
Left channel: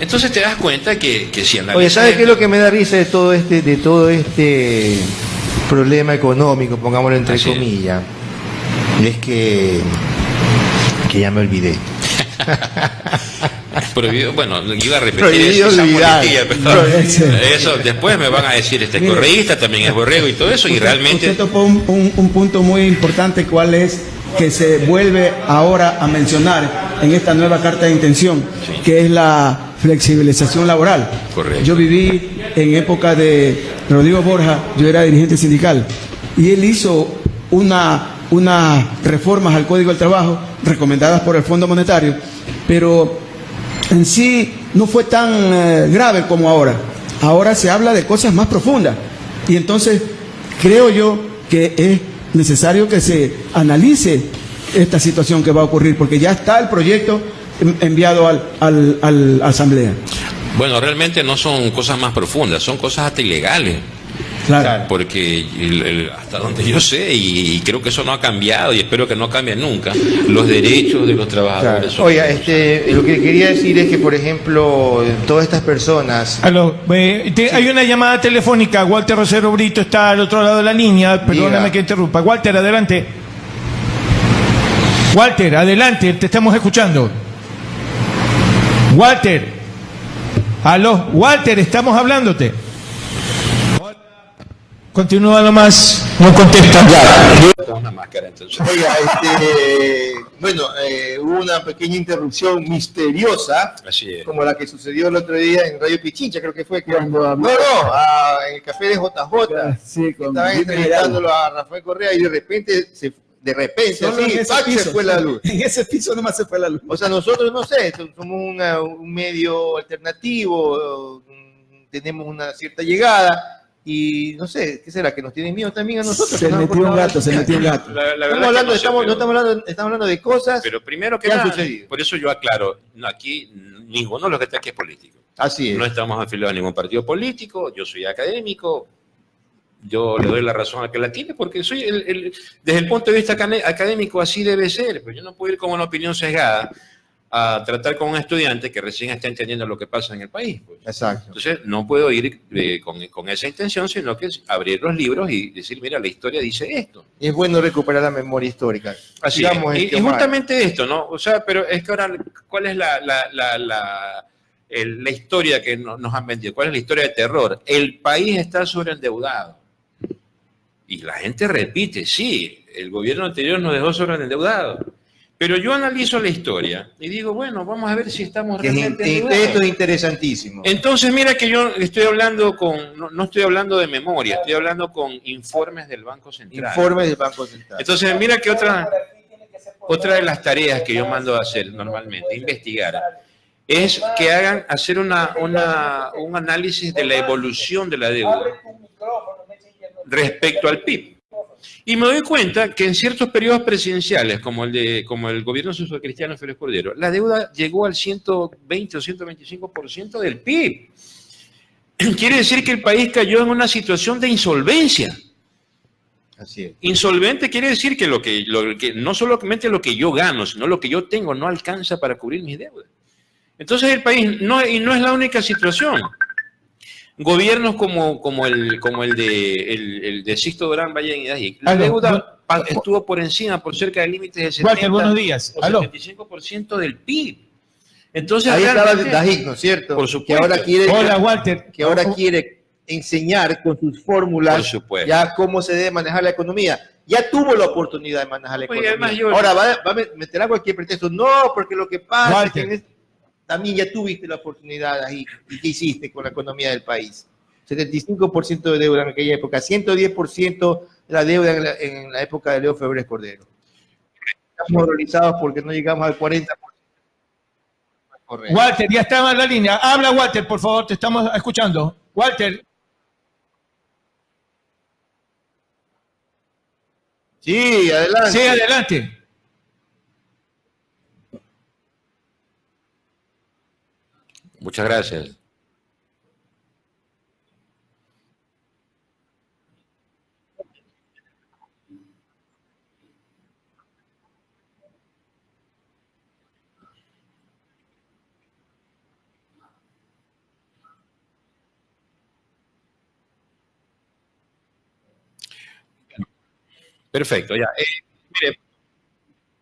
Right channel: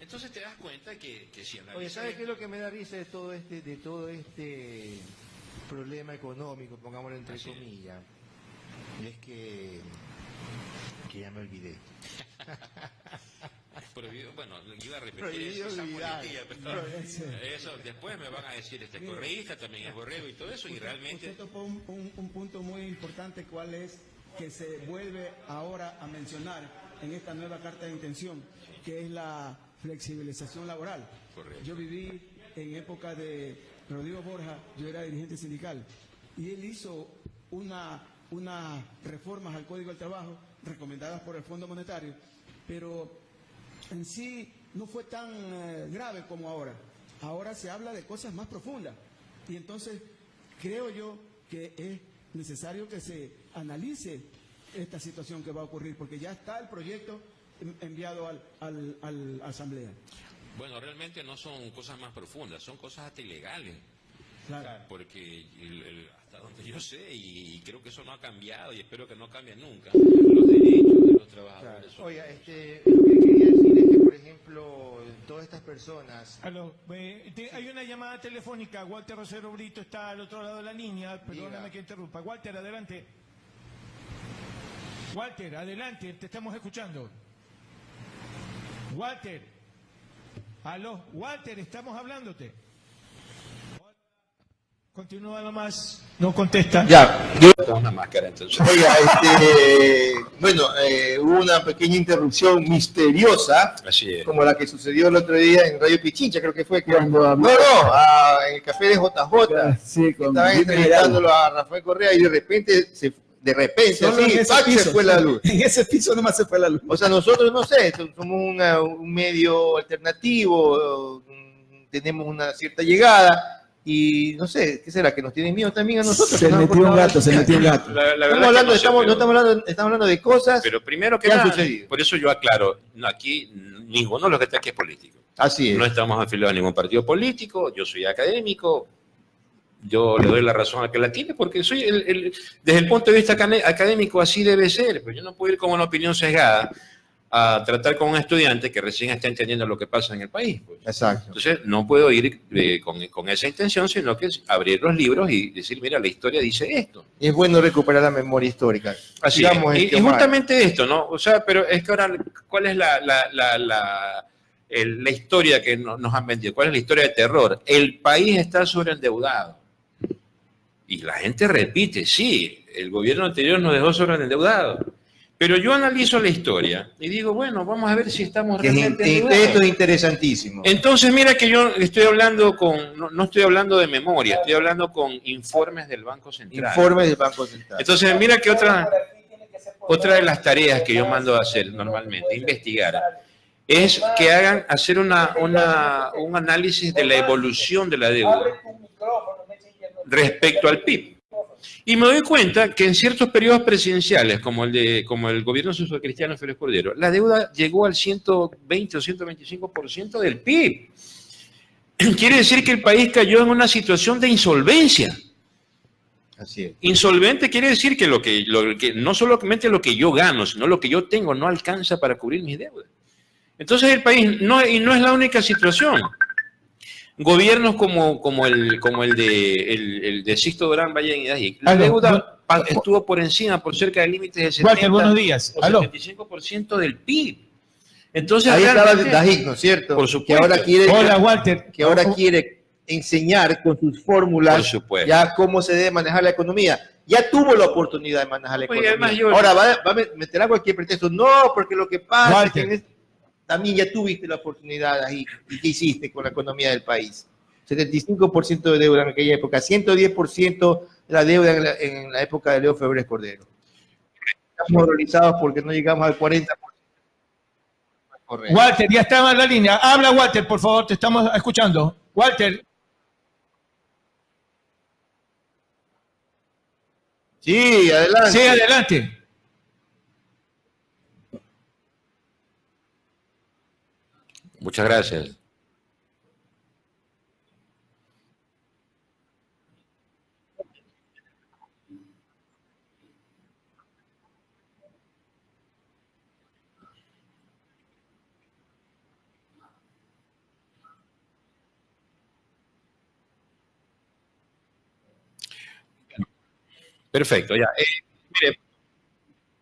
Entonces te das cuenta que si analizas... Oye, ¿sabes qué es lo que me da risa de todo este problema económico, pongámoslo entre comillas? Es que ya me olvidé. Prohibido, bueno, iba a repetir esa muletilla, pero eso después me van a decir, correísta también es borrego y todo eso, y realmente... Usted tocó un punto muy importante, ¿cuál es? Que se vuelve ahora a mencionar en esta nueva carta de intención, que es la flexibilización laboral. Correcto. Yo viví en época de Rodrigo Borja, yo era dirigente sindical, y él hizo unas reformas al Código del Trabajo recomendadas por el Fondo Monetario, pero en sí no fue tan grave como ahora. Ahora se habla de cosas más profundas, y entonces creo yo que es necesario que se analice esta situación que va a ocurrir, porque ya está el proyecto enviado a la Asamblea. Bueno, realmente no son cosas más profundas, son cosas hasta ilegales. Claro. Porque hasta donde yo sé, y creo que eso no ha cambiado, y espero que no cambie nunca, los derechos de los trabajadores. Claro. Oiga, lo que quería decir es que, por ejemplo, todas estas personas... Aló, hay una llamada telefónica. Walter Rosero Brito está al otro lado de la línea. Perdóname Diga. que interrumpa. Walter, adelante. Walter, adelante, te estamos escuchando. Walter. Aló, Walter, estamos hablándote. Continúa nomás, no contesta. Una máscara, entonces. Oiga, bueno, hubo una pequeña interrupción misteriosa, Así es. como la que sucedió el otro día en Radio Pichincha, creo que fue. Cuando habló- En el café de JJ. Sí, con Estaban Jimmy entrevistándolo a Rafael Correa y de repente, Solo en así, ese ¡pac!, se piso. fue la luz. En ese piso nomás se fue la luz. O sea, nosotros, no sé, somos un medio alternativo, tenemos una cierta llegada y no sé, ¿qué será? ¿Que nos tienen miedo también a nosotros? Se Que nos han metió un cortado gato, se metió un gato. La verdad Estamos que hablando, no sé, estamos, no pero- estamos hablando de cosas. Pero primero que ¿Qué ha nada, sucedido? por eso yo aclaro, no, aquí ninguno de los que está aquí es político. Así es. No estamos afiliados a ningún partido político, yo soy académico, yo le doy la razón al que la tiene, porque soy desde el punto de vista académico así debe ser, pero yo no puedo ir con una opinión sesgada a tratar con un estudiante que recién está entendiendo lo que pasa en el país. Pues. Exacto. Entonces, no puedo ir con esa intención, sino que es abrir los libros y decir, mira, la historia dice esto. Y es bueno recuperar la memoria histórica. Así es. Sigamos, Y Omar. justamente esto, ¿no? O sea, pero es que ahora, ¿cuál es la historia que nos han vendido? ¿Cuál es la historia de terror? El país está sobreendeudado. Y la gente repite, sí, el gobierno anterior nos dejó sobreendeudado. Pero yo analizo la historia y digo, bueno, vamos a ver si estamos realmente endeudados. Esto es interesantísimo. Entonces, mira que yo estoy hablando no estoy hablando de memoria, estoy hablando con informes del Banco Central. Informes del Banco Central. Entonces, mira que otra de las tareas que yo mando a hacer normalmente, investigar, es que hacer un análisis de la evolución de la deuda respecto al PIB. Y me doy cuenta que en ciertos periodos presidenciales, como el gobierno socialcristiano Félix Cordero, la deuda llegó al 120 o 125% del PIB. Quiere decir que el país cayó en una situación de insolvencia. Así es. Insolvente quiere decir que no solamente lo que yo gano, sino lo que yo tengo no alcanza para cubrir mis deudas. Entonces el país, no es la única situación. Gobiernos como el de Sixto Durán Ballén y Dajic, la deuda estuvo por encima, por cerca del límite del 70 Walter, buenos días. o Aló. 75% del PIB. Entonces, Ahí estaba realmente, Dajic, ¿no es cierto? Por supuesto. Hola, Walter. Que ahora quiere enseñar con sus fórmulas Por supuesto. ya cómo se debe manejar la economía. Ya tuvo la oportunidad de manejar la Oye, economía. además yo- Ahora va a meter cualquier pretexto. No, porque lo que pasa Walter. es que también ya tuviste la oportunidad ahí. ¿Y qué hiciste con la economía del país? 75% de deuda en aquella época, 110% de la deuda en la época de Leo Febres Cordero. Estamos horrorizados porque no llegamos al 40%. Correcto. Walter, ya estaba en la línea. Habla, Walter, por favor, te estamos escuchando. Walter. Sí, adelante. Sí, adelante. Muchas gracias. Perfecto, ya. Mire,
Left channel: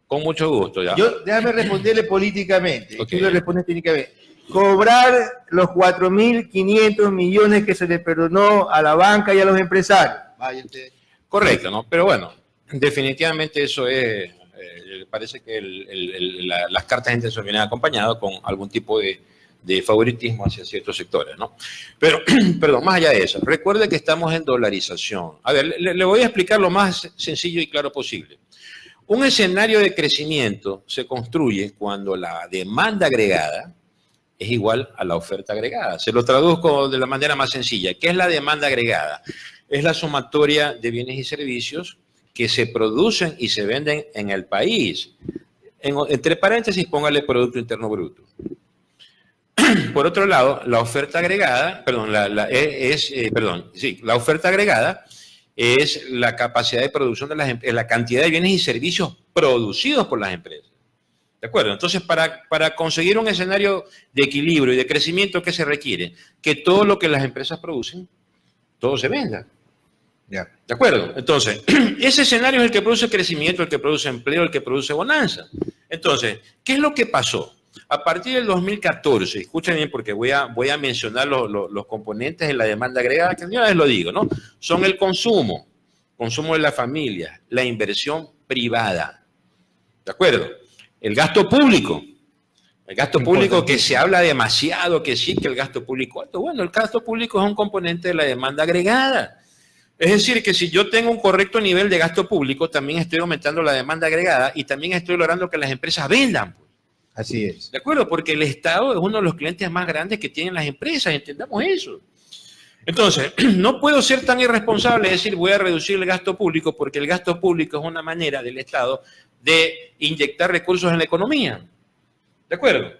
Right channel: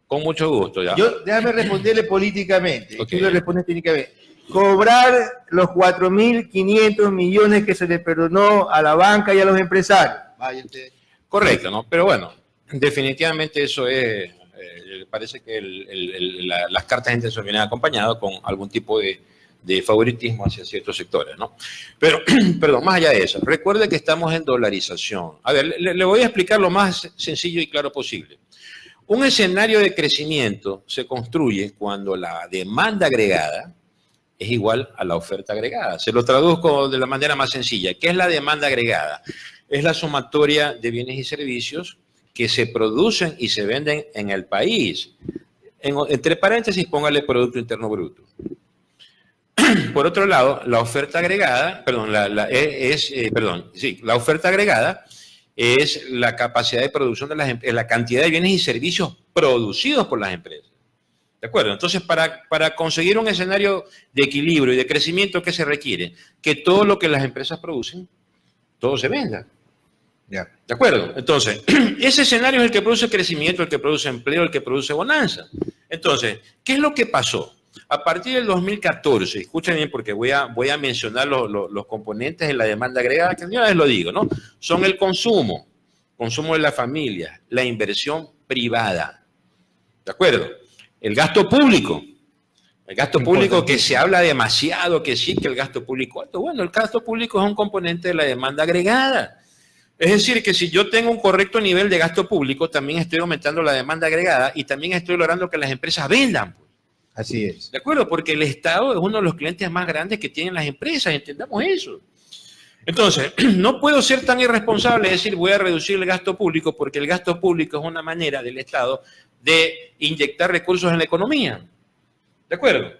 con mucho gusto, ya. Déjame responderle políticamente. Ok. Tú le respondes técnicamente. Cobrar los 4.500 millones que se le perdonó a la banca y a los empresarios. Vaya usted. Correcto, ¿no? Pero bueno, definitivamente eso es, parece que las cartas de intención vienen acompañadas con algún tipo de favoritismo hacia ciertos sectores, ¿no? Pero, perdón, más allá de eso, recuerde que estamos en dolarización. A ver, le voy a explicar lo más sencillo y claro posible. Un escenario de crecimiento se construye cuando la demanda agregada es igual a la oferta agregada. Se lo traduzco de la manera más sencilla. ¿Qué es la demanda agregada? Es la sumatoria de bienes y servicios que se producen y se venden en el país. Entre paréntesis, póngale Producto Interno Bruto. Por otro lado, la oferta agregada, la oferta agregada es la capacidad de producción de la cantidad de bienes y servicios producidos por las empresas. ¿De acuerdo? Entonces, para conseguir un escenario de equilibrio y de crecimiento, ¿qué se requiere? Que todo lo que las empresas producen, todo se venda. Ya. ¿De acuerdo? Entonces, ese escenario es el que produce crecimiento, el que produce empleo, el que produce bonanza. Entonces, ¿qué es lo que pasó? A partir del 2014, escuchen bien porque voy a mencionar los componentes de la demanda agregada, que yo a veces lo digo, ¿no? Son el consumo de la familia, la inversión privada. ¿De acuerdo? El gasto público. El gasto público que se habla demasiado, que sí, que el gasto público alto. Bueno, el gasto público es un componente de la demanda agregada. Es decir, que si yo tengo un correcto nivel de gasto público, también estoy aumentando la demanda agregada y también estoy logrando que las empresas vendan. Así es. ¿De acuerdo? Porque el Estado es uno de los clientes más grandes que tienen las empresas, entendamos eso. Entonces, no puedo ser tan irresponsable de decir voy a reducir el gasto público porque el gasto público es una manera del Estado de inyectar recursos en la economía. ¿De acuerdo?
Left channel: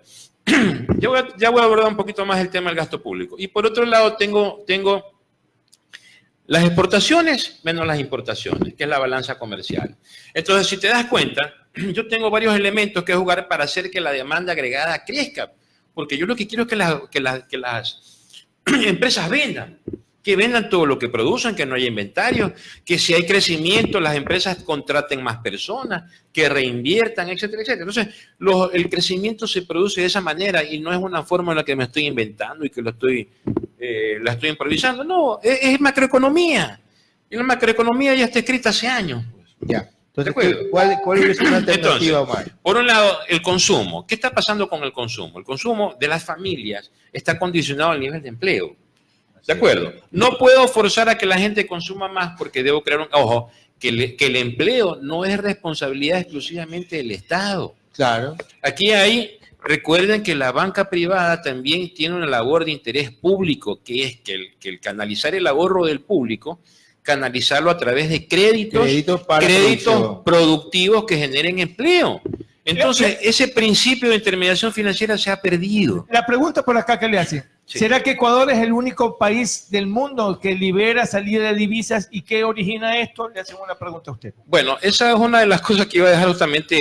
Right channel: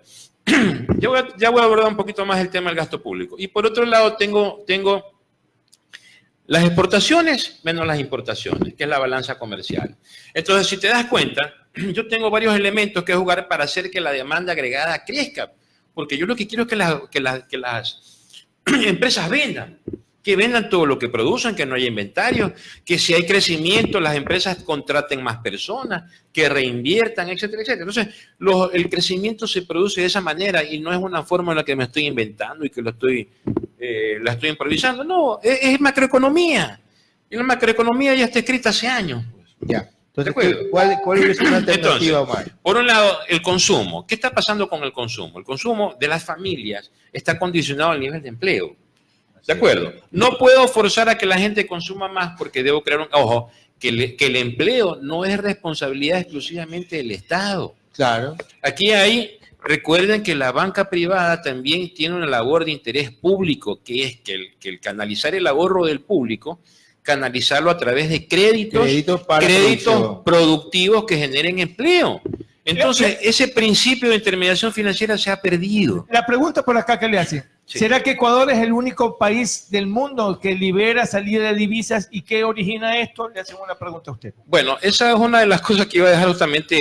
Ya voy a abordar un poquito más el tema del gasto público. Y por otro lado tengo las exportaciones menos las importaciones, que es la balanza comercial. Entonces, si te das cuenta, yo tengo varios elementos que jugar para hacer que la demanda agregada crezca. Porque yo lo que quiero es que las empresas vendan. Que vendan todo lo que producen, que no haya inventario, que si hay crecimiento, las empresas contraten más personas, que reinviertan, etcétera, etcétera. Entonces, el crecimiento se produce de esa manera y no es una fórmula que me estoy inventando y que la estoy improvisando. No, es macroeconomía. Y la macroeconomía ya está escrita hace años. Pues. Ya. Entonces, ¿cuál es una alternativa, Omar? Por un lado, el consumo. ¿Qué está pasando con el consumo? El consumo de las familias está condicionado al nivel de empleo. ¿De acuerdo? No puedo forzar a que la gente consuma más porque debo crear un... Ojo, que el empleo no es responsabilidad exclusivamente del Estado. Claro. Aquí recuerden que la banca privada también tiene una labor de interés público, que es que el canalizar el ahorro del público, canalizarlo a través de créditos productivos que generen empleo. Entonces, ese principio de intermediación financiera se ha perdido. La pregunta por acá que le hace. Sí. ¿Será que Ecuador es el único país del mundo que libera salida de divisas y qué origina esto? Le hacemos una pregunta a usted. Bueno, esa es una de las cosas que iba a dejar justamente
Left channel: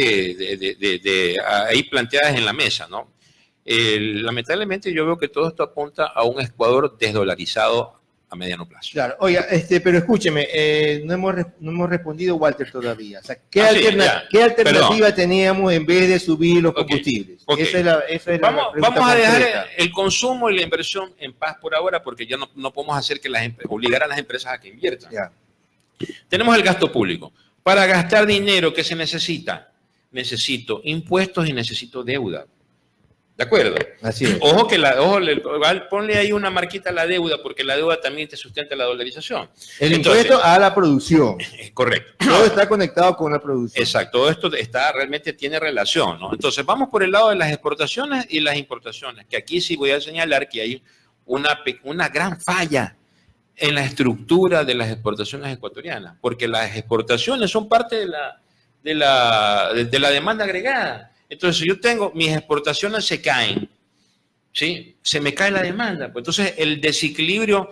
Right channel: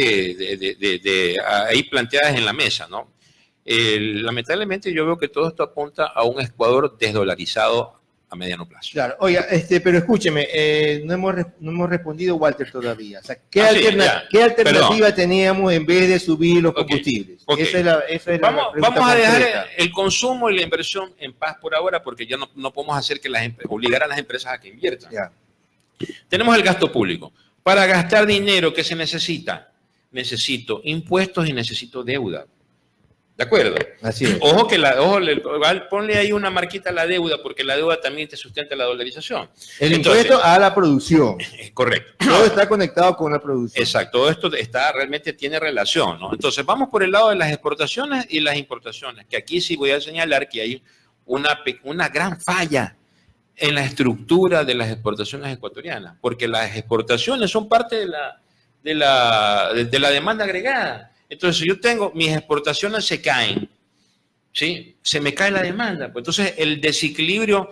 ahí planteadas en la mesa, ¿no? Lamentablemente yo veo que todo esto apunta a un Ecuador desdolarizado a mediano plazo. Claro, oiga, pero escúcheme, no hemos respondido, Walter, todavía. O sea, ¿qué alternativa teníamos en vez de subir los combustibles? Okay. Esa es vamos la a dejar concreta. el consumo y la inversión en paz por ahora, porque ya no podemos hacer que obligar a las empresas a que inviertan. Ya. Tenemos el gasto público. Para gastar dinero, ¿qué se necesita? Necesito impuestos y necesito deuda. ¿De acuerdo? Así es. Ojo, ponle ahí una marquita a la deuda, porque la deuda también te sustenta la dolarización. Impuesto a la producción. Correcto. Todo está conectado con la producción. Exacto, todo esto realmente tiene relación, ¿no? Entonces, vamos por el lado de las exportaciones y las importaciones, que aquí sí voy a señalar que hay una gran falla en la estructura de las exportaciones ecuatorianas, porque las exportaciones son parte de la demanda agregada. Entonces, si yo tengo, mis exportaciones se caen, ¿sí? Se me cae la demanda. Pues entonces, el desequilibrio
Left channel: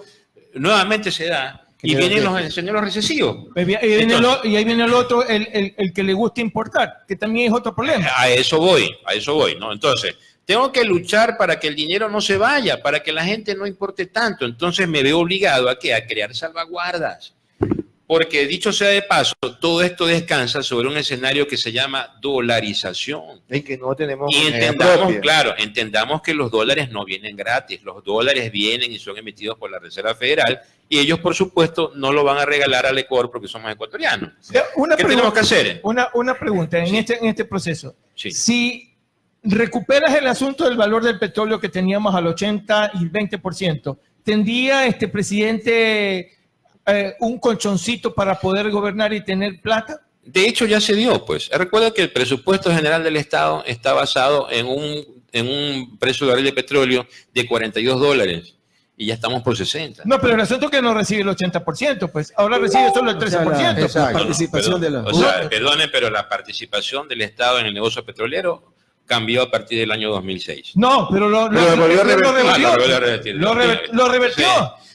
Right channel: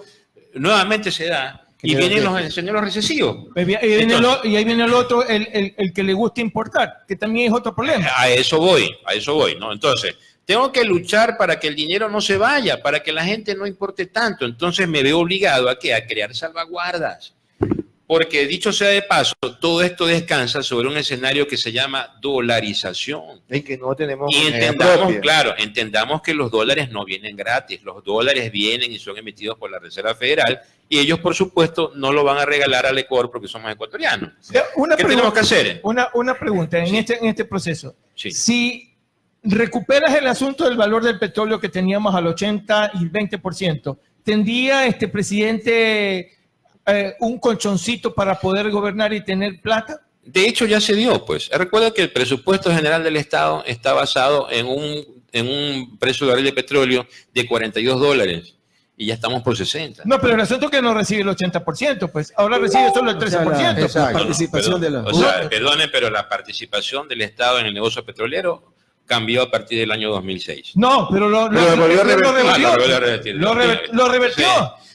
nuevamente se da y vienen los escenarios recesivos. Y ahí viene el otro, el que le gusta importar, que también es otro problema. A eso voy, ¿no? Entonces, tengo que luchar para que el dinero no se vaya, para que la gente no importe tanto. Entonces, me veo obligado a crear salvaguardas. Porque, dicho sea de paso, todo esto descansa sobre un escenario que se llama dolarización. Y que no tenemos... Y entendamos que los dólares no vienen gratis. Los dólares vienen y son emitidos por la Reserva Federal y ellos, por supuesto, no lo van a regalar al Ecuador porque somos ecuatorianos. ¿Qué tenemos que hacer? Una pregunta en este proceso. Sí. Si recuperas el asunto del valor del petróleo que teníamos al 80 y 20%, ¿tendría este presidente... un colchoncito para poder gobernar y tener plata? De hecho, ya se dio, pues. Recuerda que el presupuesto general del Estado está basado en un precio de barril de petróleo de $42. y ya estamos por 60. No, pero el asunto es que no recibe el 80%, pues ahora recibe solo el 13%. La participación de la... O sea, perdonen, pero la participación del Estado en el negocio petrolero cambió a partir del año 2006. No, pero lo revertió.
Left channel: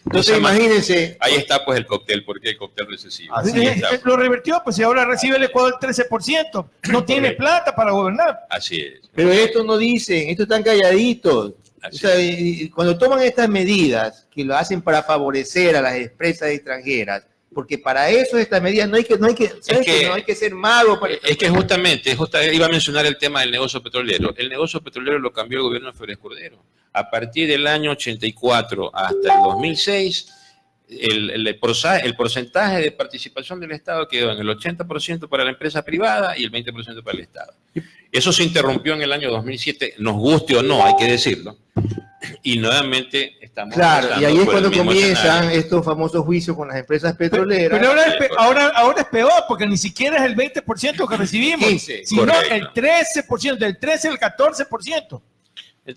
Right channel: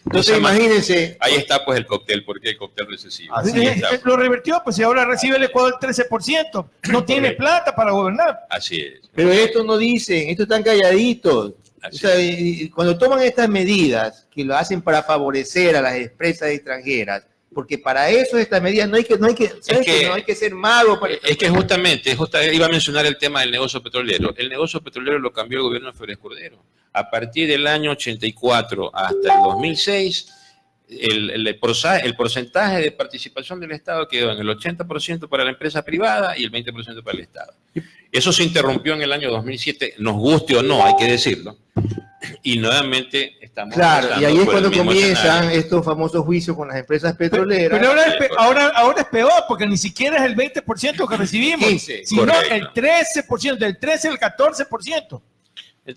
Entonces imagínense. Ahí está pues el cóctel, ¿por qué el cóctel recesivo? Lo revertió, pues y ahora recibe el Ecuador el 13%. No tiene plata para gobernar. Así es. Pero esto no dicen, esto están calladitos. O sea, cuando toman estas medidas que lo hacen para favorecer a las empresas extranjeras, porque para eso estas medidas no hay que ser mago. Es que justamente iba a mencionar el tema del negocio petrolero. El negocio petrolero lo cambió el gobierno de Flores Cordero. A partir del año 84 hasta el 2006, el porcentaje de participación del Estado quedó en el 80% para la empresa privada y el 20% para el Estado. Eso se interrumpió en el año 2007, nos guste o no, hay que decirlo. Y nuevamente estamos... Claro, y ahí es cuando comienzan estos famosos juicios con las empresas petroleras. Pero ahora es peor, porque ni siquiera es el 20% que recibimos, 15, sino correcto. el 13%, del 13 al 14%.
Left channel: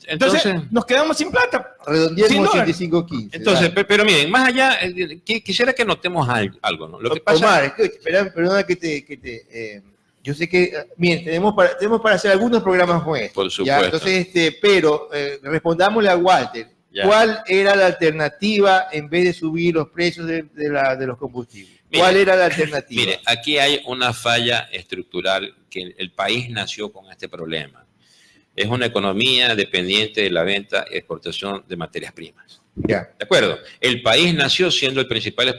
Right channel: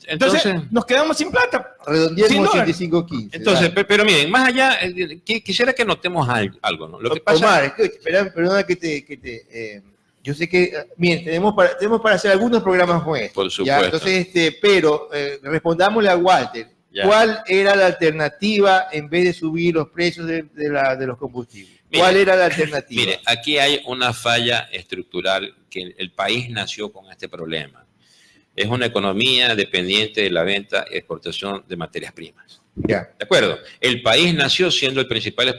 Entonces nos quedamos sin plata. Redondeemos 85-15. Entonces, pero miren, más allá, quisiera que notemos algo, ¿no? Lo que pasa... Omar, perdona que yo sé que, miren, tenemos para hacer algunos programas como este. Por supuesto. ¿Ya? Entonces, pero respondámosle a Walter. Ya. ¿Cuál era la alternativa en vez de subir los precios de los combustibles? ¿Cuál era la alternativa? Mire, aquí hay una falla estructural que el país nació con este problema. Es una economía dependiente de la venta y exportación de materias primas. Ya. ¿De acuerdo? El país nació siendo el principal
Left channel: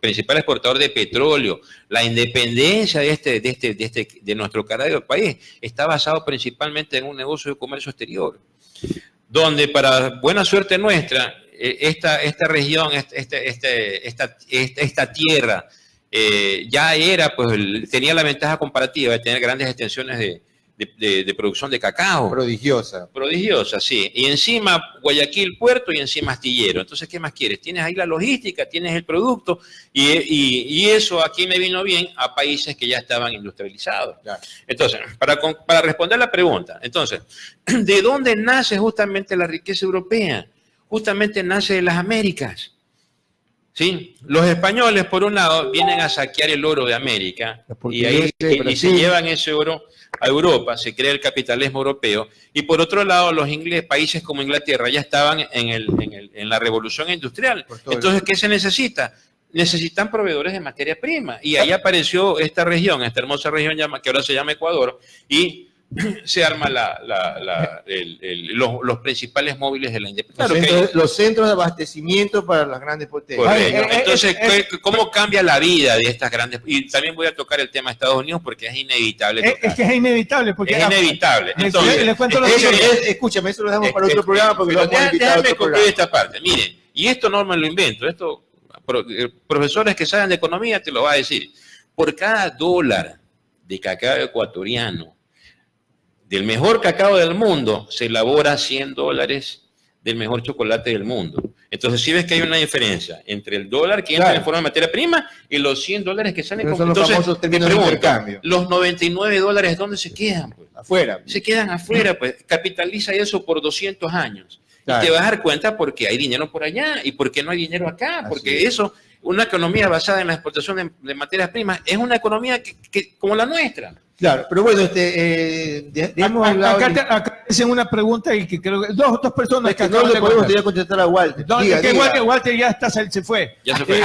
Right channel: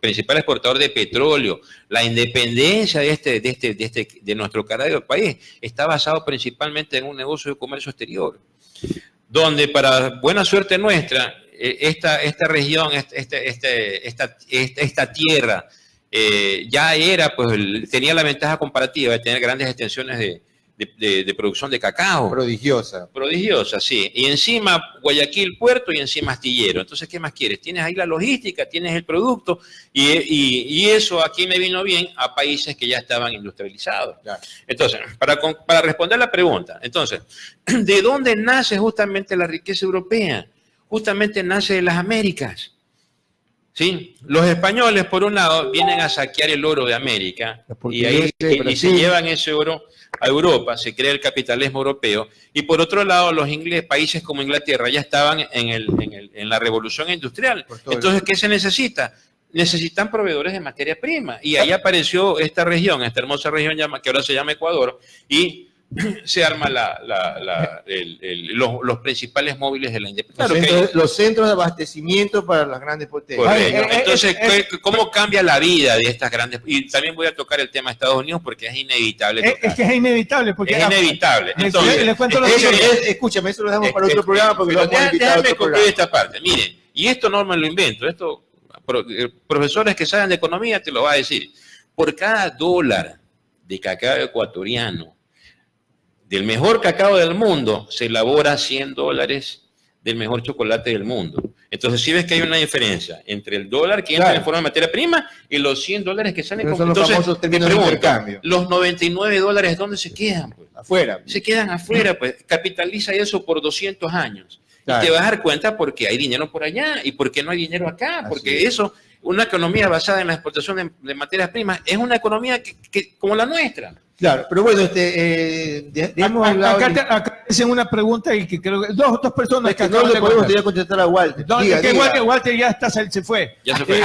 principal exportador de petróleo. La independencia de nuestro carajo país está basado principalmente en un negocio de comercio exterior, donde para buena suerte nuestra, esta región, esta tierra, ya era, pues tenía la ventaja comparativa de tener grandes extensiones de producción de cacao. Prodigiosa. Prodigiosa, sí. Y encima Guayaquil puerto y encima astillero. Entonces, ¿qué más quieres? Tienes ahí la logística, tienes el producto y eso aquí me vino bien a países que ya estaban industrializados. Claro. Entonces, para responder la pregunta, entonces, ¿de dónde nace justamente la riqueza europea? Justamente nace de las Américas. ¿Sí? Los españoles, por un lado, vienen a saquear el oro de América y se llevan ese oro a Europa, se crea el capitalismo europeo, y por otro lado, los ingleses, países como Inglaterra, ya estaban en la revolución industrial. Entonces, ¿qué se necesita? Necesitan proveedores de materia prima, y ahí apareció esta región, esta hermosa región que ahora se llama Ecuador, y se arma los principales móviles de la independencia. Los centros de abastecimiento para las grandes potencias. Entonces, ¿cómo cambia la vida de estas grandes? Y también voy a tocar el tema de Estados Unidos porque es inevitable. Es que es inevitable. Porque es inevitable. Entonces, escúchame, eso lo dejamos para otro programa porque lo vamos a invitar a otro programa. Esta parte. Miren, y esto no me lo invento, esto profesores que saben de economía te lo va a decir. Por cada dólar de cacao ecuatoriano, del mejor cacao del mundo, se elabora $100 del mejor chocolate del mundo. Entonces, si ves que hay una diferencia entre el dólar que entra en forma de materia prima y los $100 que salen con... Entonces, los famosos términos de intercambio. Los $99, ¿dónde se quedan? Pues? Afuera. Se quedan afuera, pues. Capitaliza eso por 200 años. Claro. Y te vas a dar cuenta porque hay dinero por allá y porque no hay dinero acá. Porque eso, una economía basada en la exportación de materias primas, es una economía que como la nuestra. Claro, pero bueno, acá hacen una pregunta y que creo que dos personas que no le podemos contestar a Walter. Walter ya se fue. Ya se fue.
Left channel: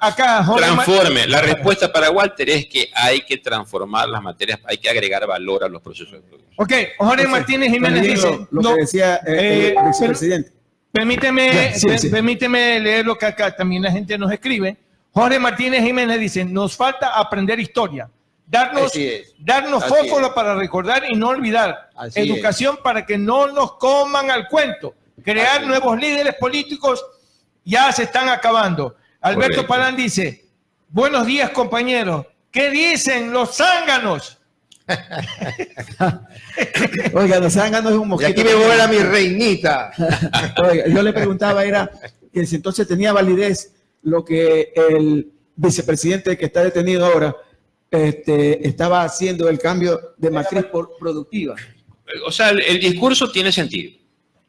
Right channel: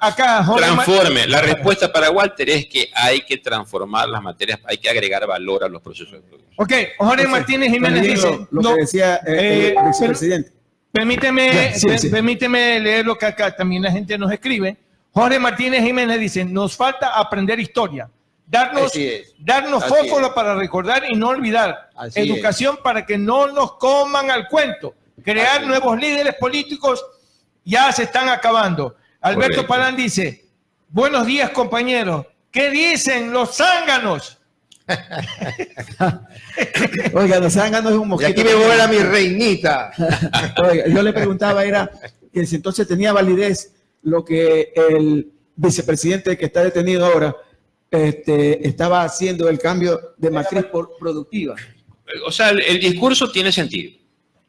Acá transforme. La respuesta para Walter es que hay que transformar las materias, hay que agregar valor a los procesos de producción. Ok, Jorge Martínez Jiménez dice lo que decía el vicepresidente. Permíteme leer lo que acá también la gente nos escribe. Jorge Martínez Jiménez dice: nos falta aprender historia. Darnos fósforo para recordar y no olvidar. Educación para que no nos coman al cuento. Crear nuevos líderes políticos ya se están acabando. Alberto Palán dice: buenos días, compañeros. ¿Qué dicen los zánganos? Oiga, los zánganos es un mosquito. Y aquí me vuela mi reinita. Oiga, yo le preguntaba, era que si entonces tenía validez lo que el vicepresidente que está detenido ahora estaba haciendo el cambio de matriz productiva. O sea, el discurso tiene sentido.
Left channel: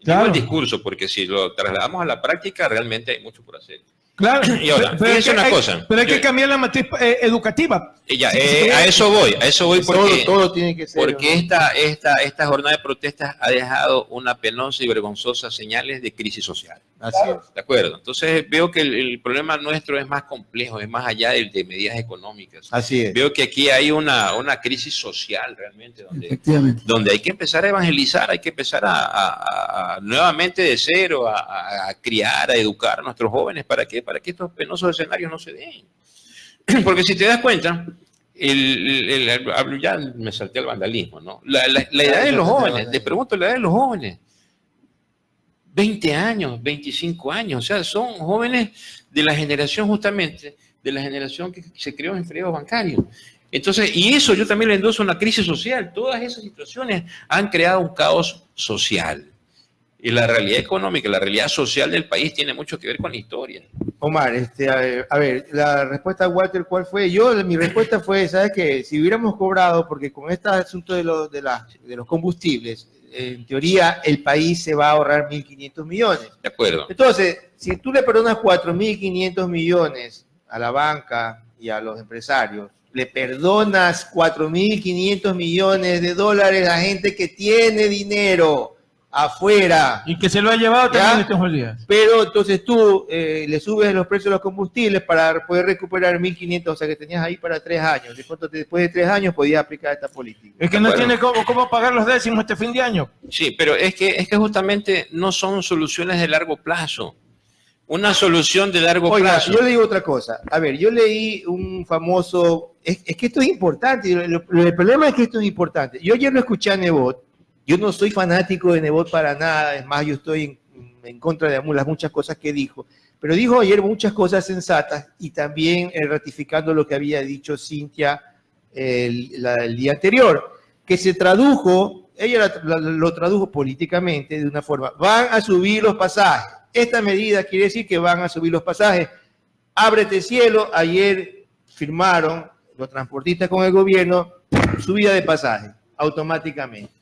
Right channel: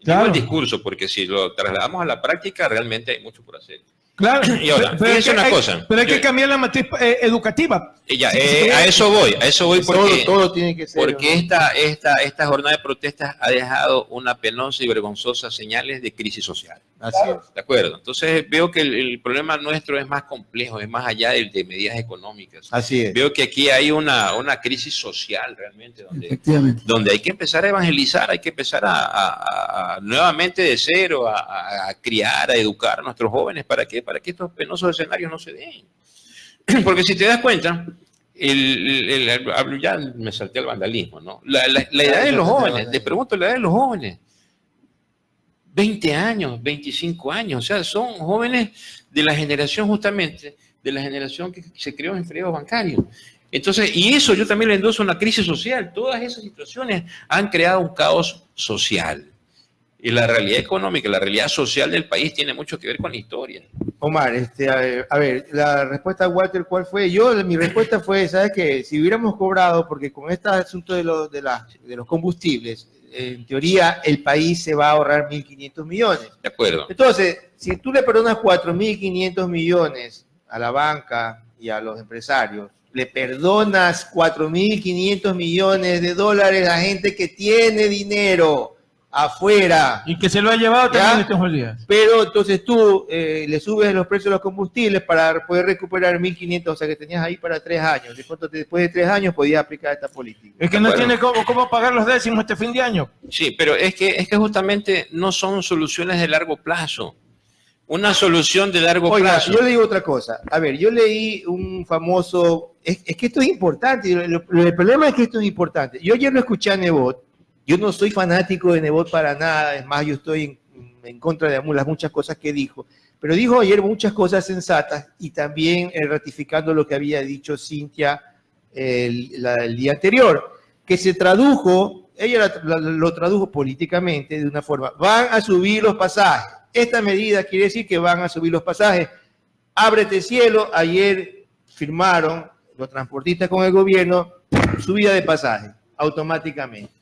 Digo el discurso, porque si lo trasladamos a la práctica, realmente hay mucho por hacer. Claro, Y ahora, fíjense una cosa. Pero hay que cambiar la matriz educativa. Ya, a eso voy porque, todo tiene que ser, porque esta jornada de protestas ha dejado una penosa y vergonzosa señales de crisis social. Así es. ¿De acuerdo? Entonces veo que el problema nuestro es más complejo, es más allá de medidas económicas. Así es. Veo que aquí hay una crisis social realmente, Efectivamente. donde hay que empezar a evangelizar, hay que empezar a nuevamente de cero, a criar, a educar a nuestros jóvenes. ¿Para qué? Para que estos penosos escenarios no se den. Porque si te das cuenta, ya me salté al vandalismo, ¿no? La edad de los jóvenes, te pregunto la edad de los jóvenes. 20 años, 25 años, o sea, son jóvenes de la generación justamente, de la generación que se creó en feriados bancarios. Entonces, y eso yo también le endoso una crisis social. Todas esas situaciones han creado un caos social. Y la realidad económica, la realidad social del país tiene mucho que ver con la historia. Omar, a ver, la respuesta a Walter, ¿cuál fue? Mi respuesta fue, ¿sabes qué? Si hubiéramos cobrado, porque con este asunto de los combustibles, en teoría el país se va a ahorrar 1.500 millones. De acuerdo. Entonces, si tú le perdonas 4.500 millones a la banca y a los empresarios, le perdonas 4.500 millones de dólares a gente que tiene dinero afuera. Y que se lo ha llevado ¿Ya? también estos días. Pero entonces tú le subes los precios de los combustibles para poder recuperar 1.500, o sea que tenías ahí para 3 años. Después de 3 años podías aplicar esta política. Es que no tiene cómo pagar los décimos este fin de año. Sí, pero es que justamente no son soluciones de largo plazo. Una solución de largo plazo. Yo le digo otra cosa. A ver, yo leí un famoso... Es que esto es importante. El problema es que esto es importante. Yo ayer lo escuché a Nebot. Yo no soy fanático de Nebot para nada. Es más, yo estoy en contra de las muchas cosas que dijo. Pero dijo ayer muchas cosas sensatas y también ratificando lo que había dicho Cintia el día anterior, que se tradujo, ella lo tradujo políticamente de una forma. Van a subir los pasajes. Esta medida quiere decir que van a subir los pasajes. Ábrete cielo. Ayer firmaron los transportistas con el gobierno subida de pasajes automáticamente.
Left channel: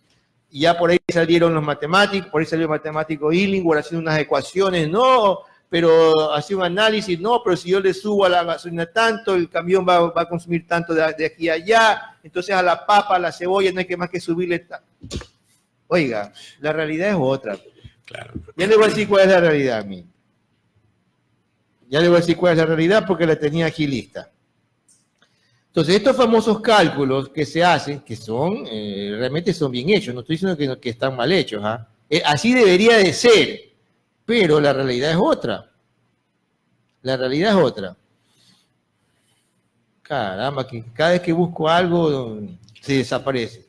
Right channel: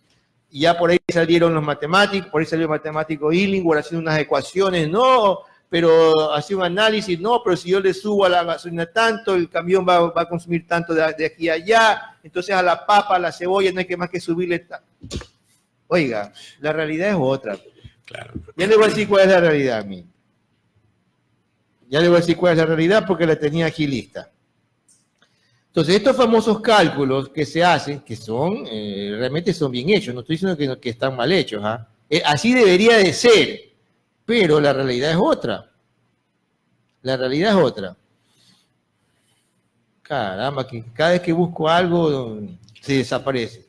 Y ya por ahí salieron los matemáticos, por ahí salió el matemático Illingworth haciendo unas ecuaciones, no, pero hacía un análisis, no, pero si yo le subo a la gasolina tanto, el camión va a consumir tanto de aquí a allá, entonces a la papa, a la cebolla no hay que más que subirle. Oiga, la realidad es otra. Claro. Ya le voy a decir cuál es la realidad a mí. Ya le voy a decir cuál es la realidad porque la tenía aquí lista. Entonces, estos famosos cálculos que se hacen, que son, realmente son bien hechos, no estoy diciendo que están mal hechos, así debería de ser, pero la realidad es otra. La realidad es otra. Caramba, que cada vez que busco algo se desaparece.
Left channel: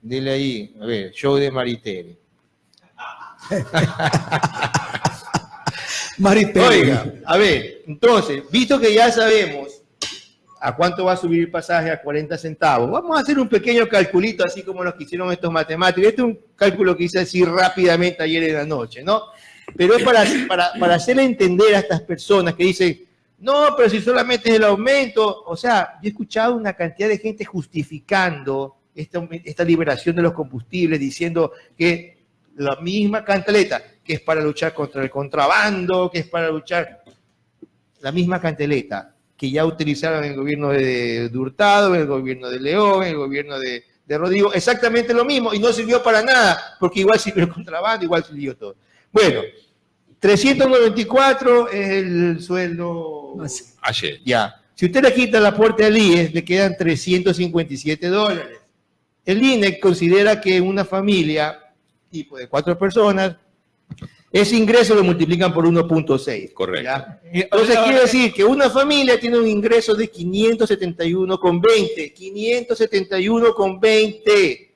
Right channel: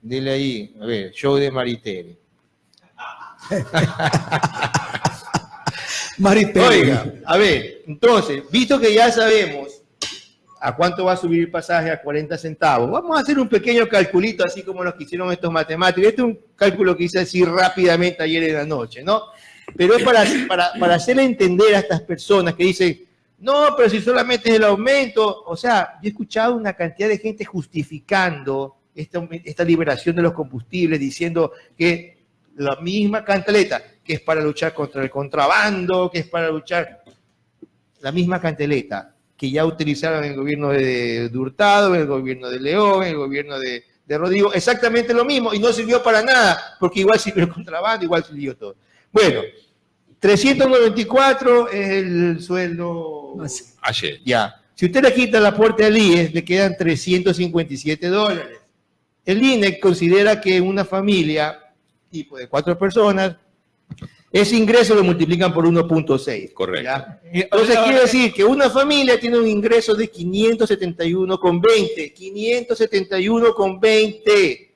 Dile ahí, a ver, show de Maritere. Maritere. Oiga, a ver, entonces, visto que ya sabemos a cuánto va a subir el pasaje, a 40 centavos, vamos a hacer un pequeño calculito, así como los que hicieron estos matemáticos. Este es un cálculo que hice así rápidamente ayer en la noche, ¿no? Pero es para hacerle entender a estas personas que dicen, no, pero si solamente es el aumento. O sea, yo he escuchado una cantidad de gente justificando esta liberación de los combustibles, diciendo que la misma cantaleta, que es para luchar contra el contrabando, que es para luchar, la misma cantaleta que ya utilizaron en el gobierno de Hurtado, en el gobierno de León, en el gobierno de Rodrigo, exactamente lo mismo, y no sirvió para nada, porque igual sirvió el contrabando, igual sirvió todo. Bueno, 394 es el sueldo. Ayer. Ya. Si usted le quita el aporte al IES, le quedan $357. El INEC considera que una familia, tipo de 4 personas, ese ingreso lo multiplican por 1.6. Correcto. ¿Ya? Entonces quiere decir que una familia tiene un ingreso de 571,20. 571,20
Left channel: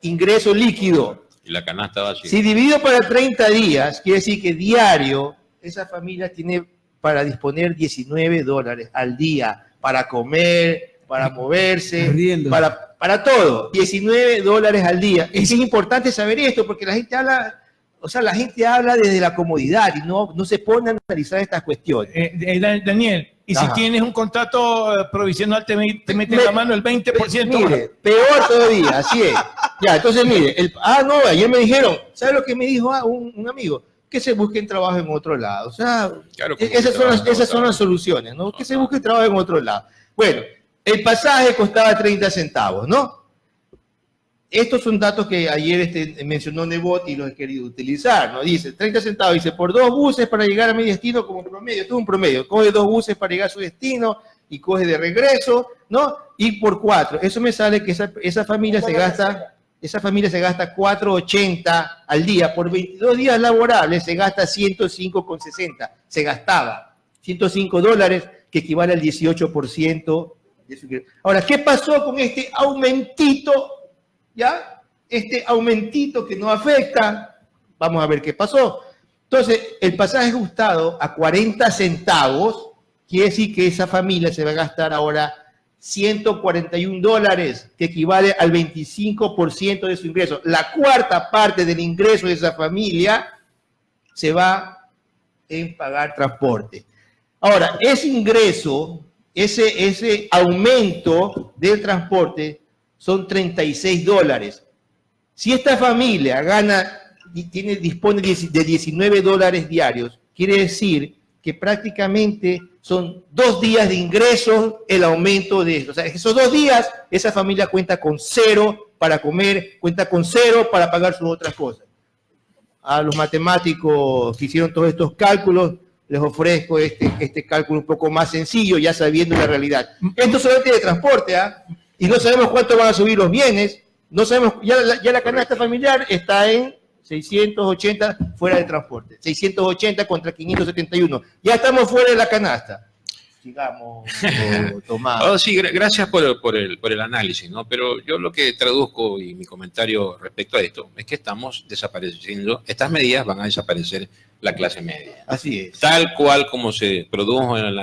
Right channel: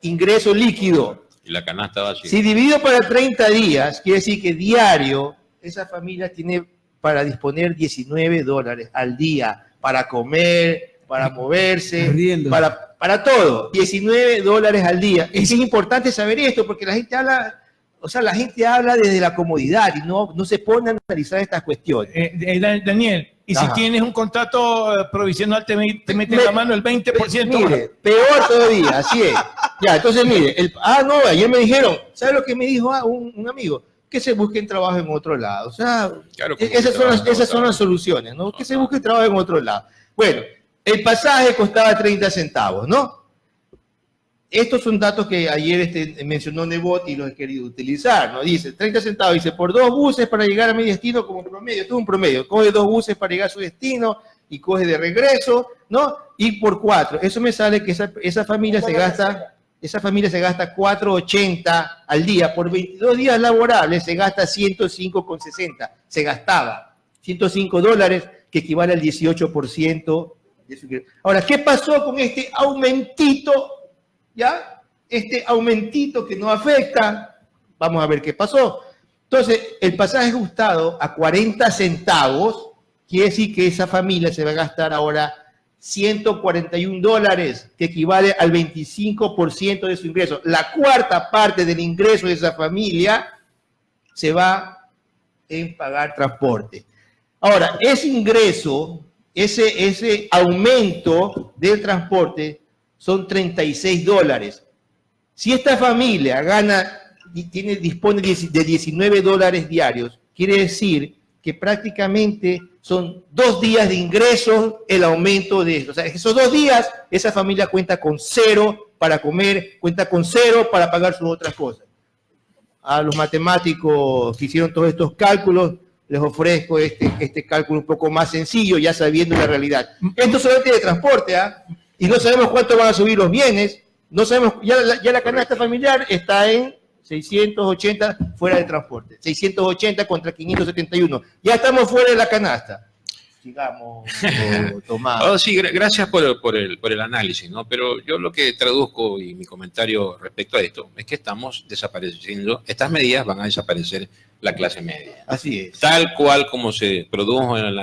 ingreso líquido. Y la canasta vacía. Si dividido para 30 días, quiere decir que diario esa familia tiene para disponer $19 al día para comer, para moverse, para todo. $19 al día. Es importante saber esto porque la gente habla... O sea, la gente habla desde la comodidad y no se pone a analizar estas cuestiones. Daniel, y si tienes un contrato provisional, te mete en la mano el 20%. Mire, peor todavía, así es. Ya, entonces mire, no, ayer me dijeron, ¿sabe lo que me dijo un amigo? Que se busquen trabajo en otro lado. O sea, Claro, esas son las soluciones, ¿no? Que se busque trabajo en otro lado. Bueno, el pasaje costaba 30 centavos, ¿no? Estos son datos que ayer mencionó Nebot y los he querido utilizar, ¿no? Dice, 30 centavos, dice, por 2 buses para llegar a mi destino como promedio. Esto es un promedio. Coge 2 buses para llegar a su destino y coge de regreso, ¿no? Y por 4. Eso me sale que esa familia se gasta 4.80 al día. Por 22 días laborables se gasta 105,60. Se gastaba $105, que equivale al 18% de su ingreso. Ahora, ¿qué pasó con este aumentito? ¿Ya? Este aumentito que no afecta, vamos a ver qué pasó. Entonces, el pasaje ajustado a 40 centavos, quiere decir que esa familia se va a gastar ahora $141, que equivale al 25% de su ingreso. La cuarta parte del ingreso de esa familia se va en pagar transporte. Ahora, ese ingreso, ese aumento del transporte son $36. Si esta familia gana y dispone de $19 diarios, quiere decir que prácticamente son 2 días de ingresos el aumento de esto. O sea, esos 2 días, esa familia cuenta con 0 para comer, cuenta con 0 para pagar sus otras cosas. A los matemáticos que hicieron todos estos cálculos, les ofrezco este cálculo un poco más sencillo, ya sabiendo la realidad. Esto solamente de transporte, ¿ah? Y no sabemos cuánto van a subir los bienes, no sabemos, ya la canasta familiar está en 680 fuera de transporte, 680 contra 571. Ya estamos fuera de la canasta. Sigamos, Tomás. Oh, sí, gracias por el análisis, ¿no? Pero yo lo que traduzco y mi comentario respecto a esto es que estamos desapareciendo, estas medidas van a desaparecer la clase media. Así es. Tal cual como se produjo en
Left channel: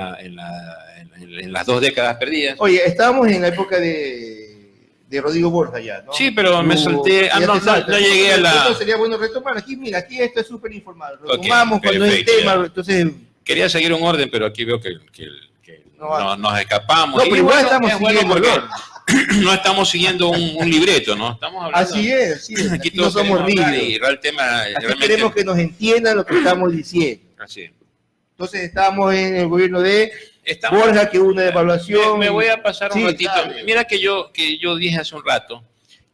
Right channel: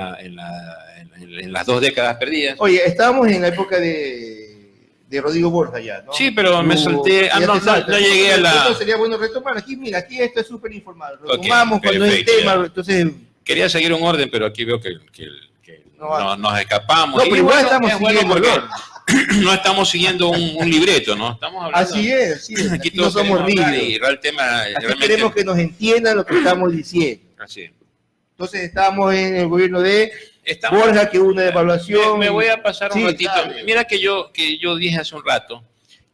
las 2 décadas perdidas. Oye, estábamos en la época de Rodrigo Borja ya, ¿no? Sí, pero me salté, no llegué a la... Entonces sería bueno retomar. Aquí, mira, aquí esto es súper informado. Retomamos cuando es el tema, entonces... Quería seguir un orden, pero aquí veo que nos escapamos. No, pero igual estamos siguiendo porque no estamos siguiendo un libreto, ¿no? Estamos hablando... Así es. Aquí no somos rígidos. Y el tema aquí realmente... queremos que nos entiendan lo que estamos diciendo. Así es. Entonces estamos en el gobierno de Borja, que hubo una devaluación. Me voy a pasar un ratito. Dale. Mira que yo dije hace un rato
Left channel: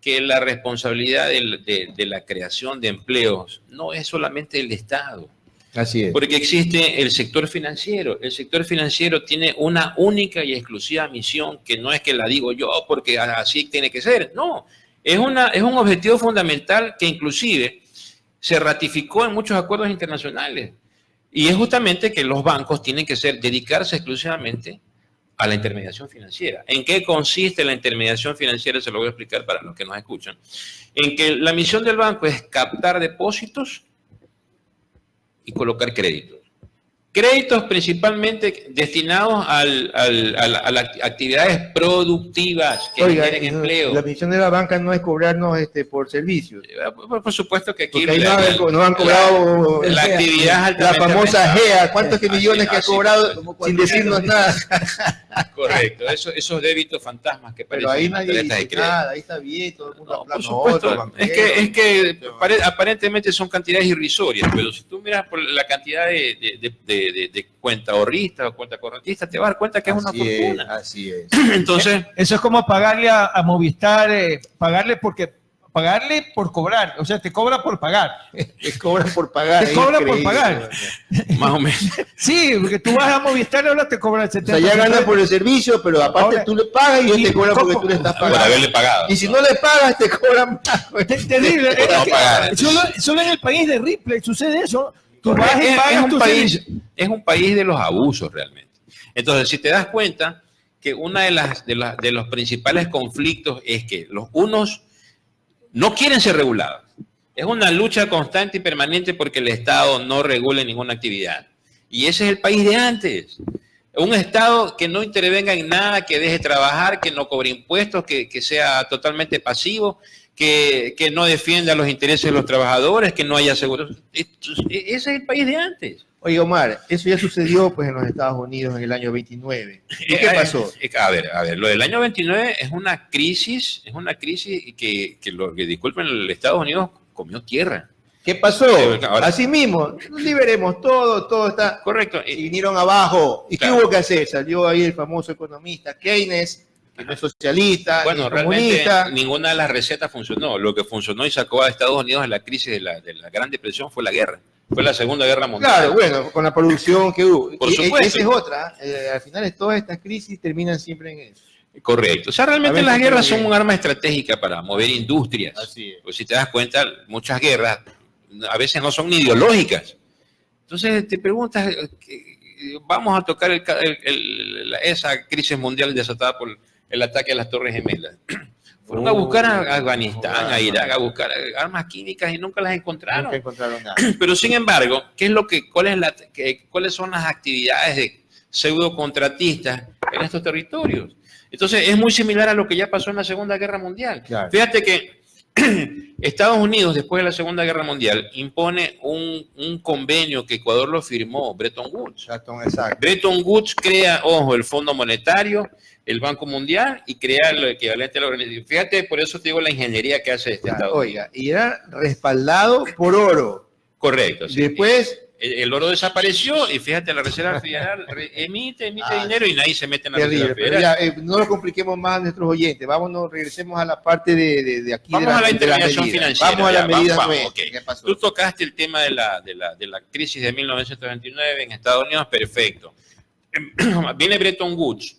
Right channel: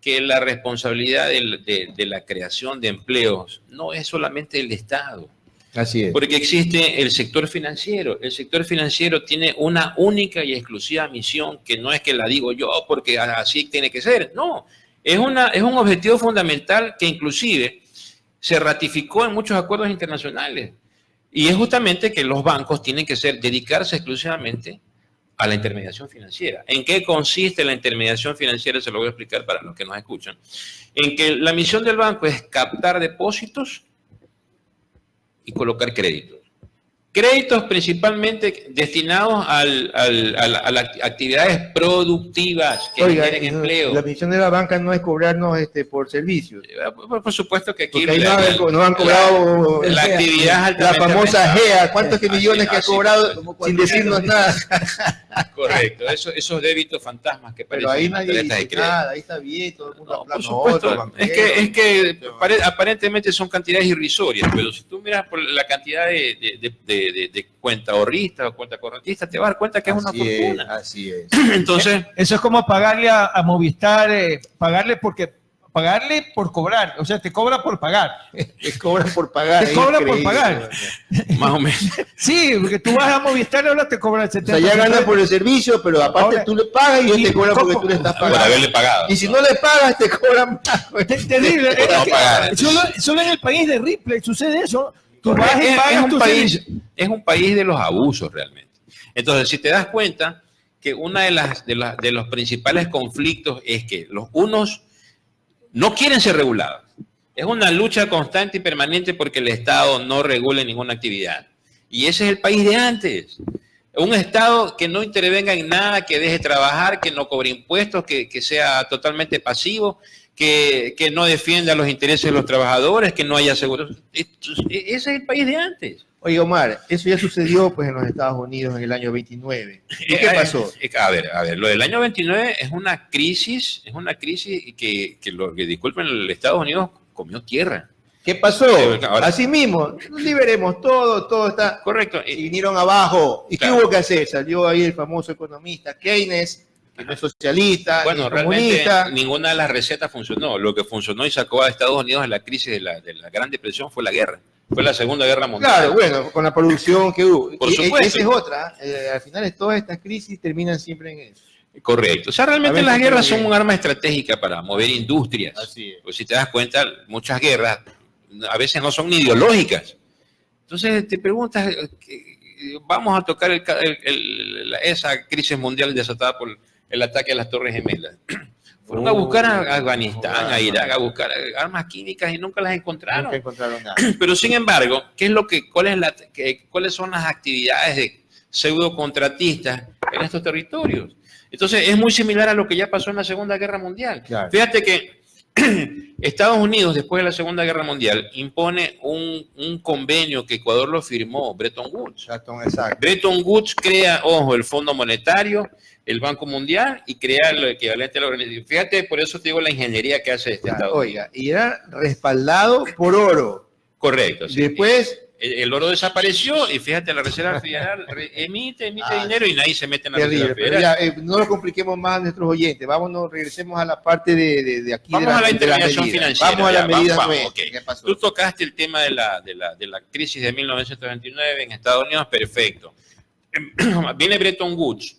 que la responsabilidad de la creación de empleos no es solamente del Estado. Así es. Porque existe el sector financiero. El sector financiero tiene una única y exclusiva misión que no es que la digo yo porque así tiene que ser. No, es un objetivo fundamental que inclusive se ratificó en muchos acuerdos internacionales. Y es justamente que los bancos tienen que dedicarse exclusivamente a la intermediación financiera. ¿En qué consiste la intermediación financiera? Se lo voy a explicar para los que nos escuchan. En que la misión del banco es captar depósitos y colocar créditos. Créditos principalmente destinados a las actividades productivas que generen empleo. La misión de la banca no es cobrarnos por servicios. Por supuesto que aquí ahí no han cobrado la actividad la famosa GEA. ¿Cuántos millones que ha cobrado sin decirnos nada? Correcto, esos débitos fantasmas que parecen. Pero ahí nadie dice nada, ahí está bien, todo el mundo no, por supuesto, es que aparentemente son cantidades irrisorias, pero si tú miras por la cantidad de cuenta ahorrista o cuenta correntista, te vas a dar cuenta que es una fortuna. Así es. Entonces, eso es como pagarle a Movistar, pagarle por cobrar, o sea, te cobra por pagar. Te cobran por pagar. Te cobran por pagar. Más o menos. Sí, porque tú vas a Movistar, ahora te cobran el 70%. O sea, ya ganas por el servicio, pero aparte ahora, tú le pagas y él te cobra porque tú le estás pagando. Por haberle pagado. Y si no le pagas, te cobran más. Terrible. Solo en el país de Ripley sucede eso. Tú vas y pagas es un país de los abusos realmente. Entonces, si te das cuenta que una de los principales conflictos es que los unos no quieren ser regulados. Es una lucha constante y permanente porque el Estado no regule ninguna actividad. Y ese es el país de antes. Un Estado que no intervenga en nada, que deje trabajar, que no cobre impuestos, que sea totalmente pasivo, que no defienda los intereses de los trabajadores, que no haya seguros. Ese es el país de antes. Oye, Omar, eso ya sucedió pues en los Estados Unidos en el año 29. ¿Y qué pasó? A ver, lo del año 29 es una crisis que disculpen, el Estados Unidos comió tierra. ¿Qué pasó? Ahora, así mismo, liberemos todo está... Correcto. Y vinieron abajo. ¿Y claro. qué hubo que hacer? Salió ahí el famoso economista Keynes, que no es socialista, bueno, ni realmente comunista. ninguna de las recetas funcionó. Lo que funcionó y sacó a Estados Unidos de la crisis de la Gran Depresión fue la guerra. Fue la Segunda Guerra Mundial. Claro, bueno, con la producción que hubo. Por supuesto. Esa es otra. Al final todas estas crisis terminan siempre en eso. Correcto. O sea, realmente las guerras son un arma estratégica para mover industrias. Así es. Pues si te das cuenta, muchas guerras a veces no son ni ideológicas. Entonces te preguntas, vamos a tocar esa crisis mundial desatada por el ataque a las Torres Gemelas. Fueron a buscar a Afganistán, a Irak, a buscar armas químicas y nunca las encontraron. Nunca encontraron nada. Pero sin embargo, ¿cuáles son las actividades de pseudocontratistas en estos territorios? Entonces es muy similar a lo que ya pasó en la Segunda Guerra Mundial. Claro. Fíjate que Estados Unidos, después de la Segunda Guerra Mundial, impone un convenio que Ecuador lo firmó, Bretton Woods. Exacto. Bretton Woods crea, ojo, el Fondo Monetario, el Banco Mundial y crea lo equivalente a la organización. Fíjate, por eso te digo la ingeniería que hace este Estado. Oiga, y era respaldado por oro. Correcto. Sí. Después... El oro desapareció y fíjate, la Reserva Federal emite dinero y nadie se mete en la Reserva Federal. Ya, no lo compliquemos más a nuestros oyentes. Vámonos, regresemos a la parte de aquí. Vamos a la intervención financiera. Vamos a la medida nueva. Okay. ¿Qué pasó? Tú tocaste el tema de la crisis de 1929 en Estados Unidos, perfecto. Viene Bretton Woods.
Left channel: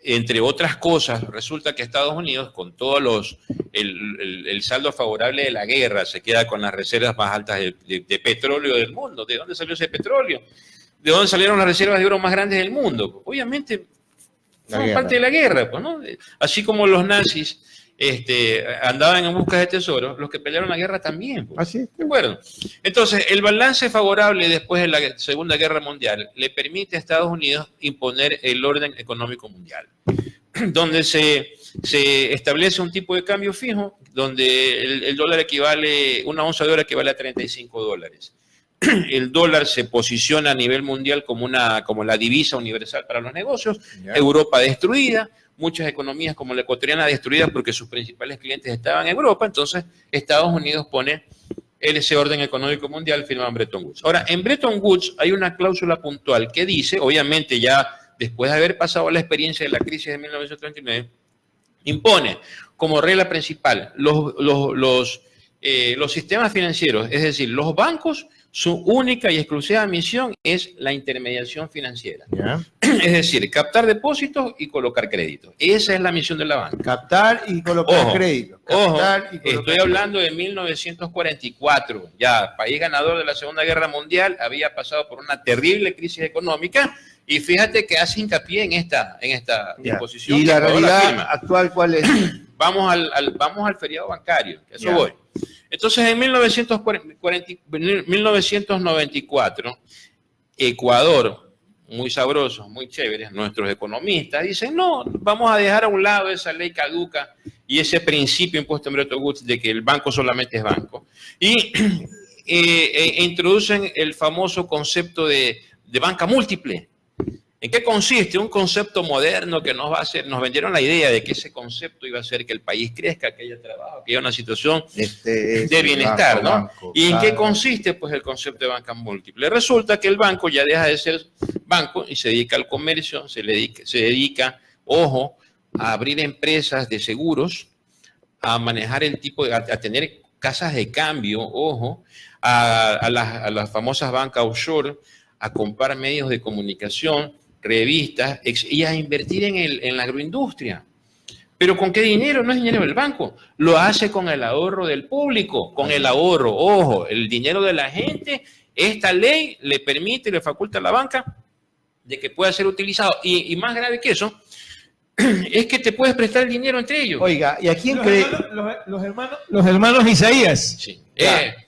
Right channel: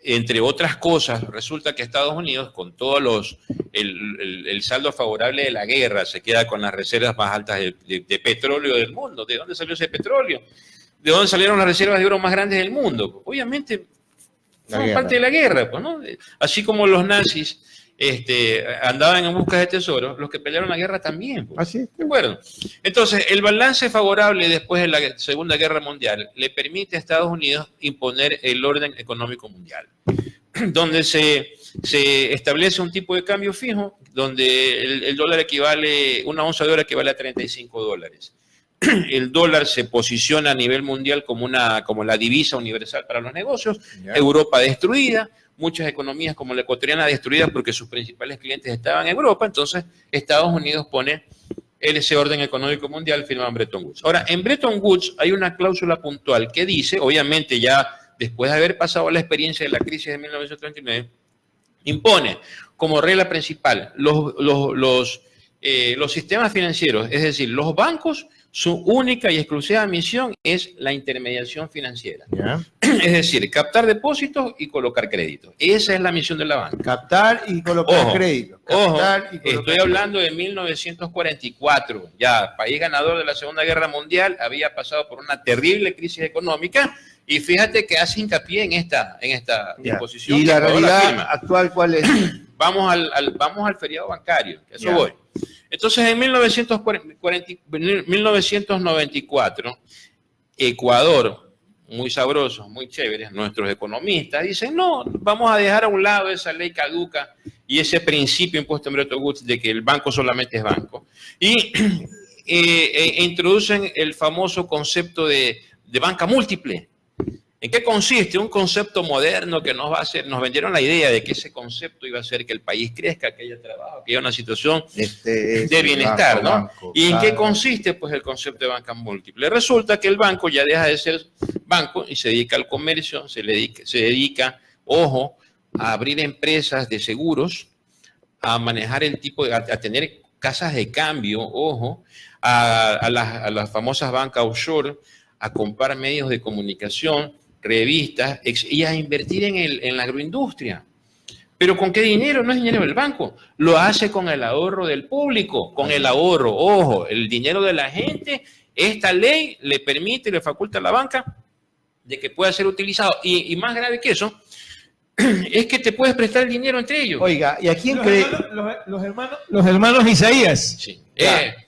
Entre otras cosas, resulta que Estados Unidos, con todos el saldo favorable de la guerra, se queda con las reservas más altas de petróleo del mundo. ¿De dónde salió ese petróleo? ¿De dónde salieron las reservas de oro más grandes del mundo? Obviamente, fueron parte de la guerra, pues, ¿no? Así como los nazis andaban en busca de tesoros, los que pelearon la guerra también. Pues. Así es. ¿De acuerdo? Entonces, el balance favorable después de la Segunda Guerra Mundial le permite a Estados Unidos imponer el orden económico mundial, donde se establece un tipo de cambio fijo, donde el dólar equivale, una onza de oro equivale a $35. El dólar se posiciona a nivel mundial como la divisa universal para los negocios. Yeah. Europa destruida, muchas economías como la ecuatoriana destruidas porque sus principales clientes estaban en Europa. Entonces Estados Unidos pone ese orden económico mundial, firma en Bretton Woods. Ahora, en Bretton Woods hay una cláusula puntual que dice, obviamente ya después de haber pasado la experiencia de la crisis de 1939, impone como regla principal los sistemas financieros, es decir, los bancos, su única y exclusiva misión es la intermediación financiera. Yeah. Es decir, captar depósitos y colocar créditos. Esa es la misión de la banca. Captar y colocar créditos. Estoy hablando de 1944. Ya, país ganador de la Segunda Guerra Mundial, había pasado por una terrible crisis económica y fíjate que hace hincapié en esta disposición. ¿Y la realidad actual cuál es? Vamos al feriado bancario, que eso voy. Entonces, en 1994, Ecuador, muy sabrosos, muy chéveres, nuestros economistas dicen, no, vamos a dejar a un lado esa ley caduca y ese principio impuesto en Bretton Woods de que el banco solamente es banco. Y introducen el famoso concepto de banca múltiple. ¿En qué consiste? Un concepto moderno que nos vendieron la idea de que ese concepto iba a hacer que el país crezca, que haya trabajo, que haya una situación de bienestar, ¿no? ¿Y en qué consiste? Pues el concepto de banca múltiple. Resulta que el banco ya deja de ser banco y se dedica al comercio, se dedica, ojo, a abrir empresas de seguros, a manejar a tener casas de cambio, ojo, a las famosas bancas offshore, a comprar medios de comunicación, revistas y a invertir en la agroindustria. ¿Pero con qué dinero? No es dinero del banco. Lo hace con el ahorro del público, con el ahorro, ojo, el dinero de la gente. Esta ley le permite y le faculta a la banca de que pueda ser utilizado. Y más grave que eso, es que te puedes prestar el dinero entre ellos. Oiga, ¿y a quién cree? Los hermanos Isaías. Sí.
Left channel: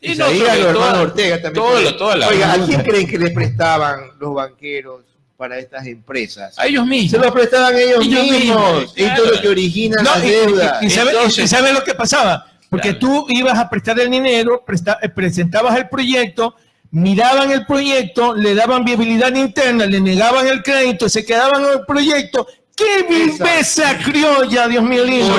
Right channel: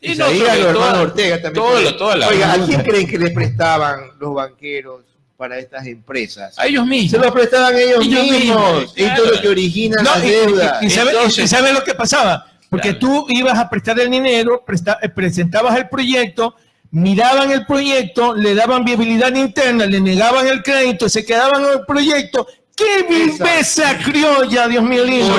Isaías, los hermanos Ortega también. Oiga, ¿a quién creen que les prestaban los banqueros para estas empresas? A ellos mismos. Se los prestaban ellos mismos. Esto es lo que origina la deuda. ¿Y sabes lo que pasaba? Porque tú ibas a prestar el dinero, presentabas el proyecto, miraban el proyecto, le daban viabilidad interna, le negaban el crédito, se quedaban en el proyecto. ¡Qué viveza criolla, Dios mío lindo!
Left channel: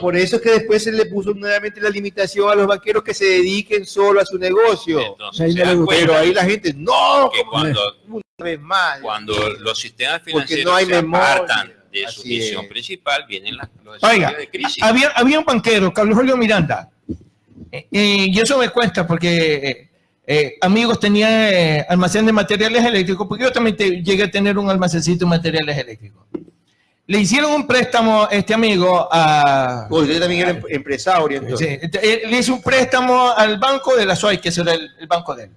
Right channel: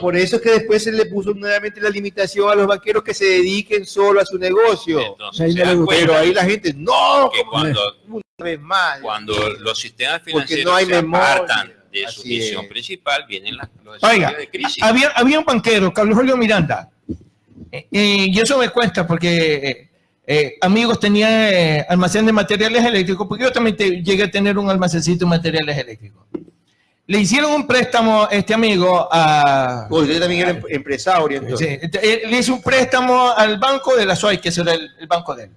Por eso es que después se le puso nuevamente la limitación a los banqueros que se dediquen solo a su negocio. Entonces, Pero ahí la gente, ¡no! Que cuando Una vez más. Cuando los sistemas Porque financieros no hay se memoria. apartan de su Así misión es. principal, vienen los Oiga, escenarios de crisis. había un banquero, Carlos Julio Miranda, y eso me cuesta porque amigos tenían almacén de materiales eléctricos, porque yo también llegué a tener un almacencito de materiales eléctricos. Le hicieron un préstamo este amigo a... Yo también era empresario. Entonces. Sí, le hizo un préstamo al banco de la SOAI, que ese era el banco de él.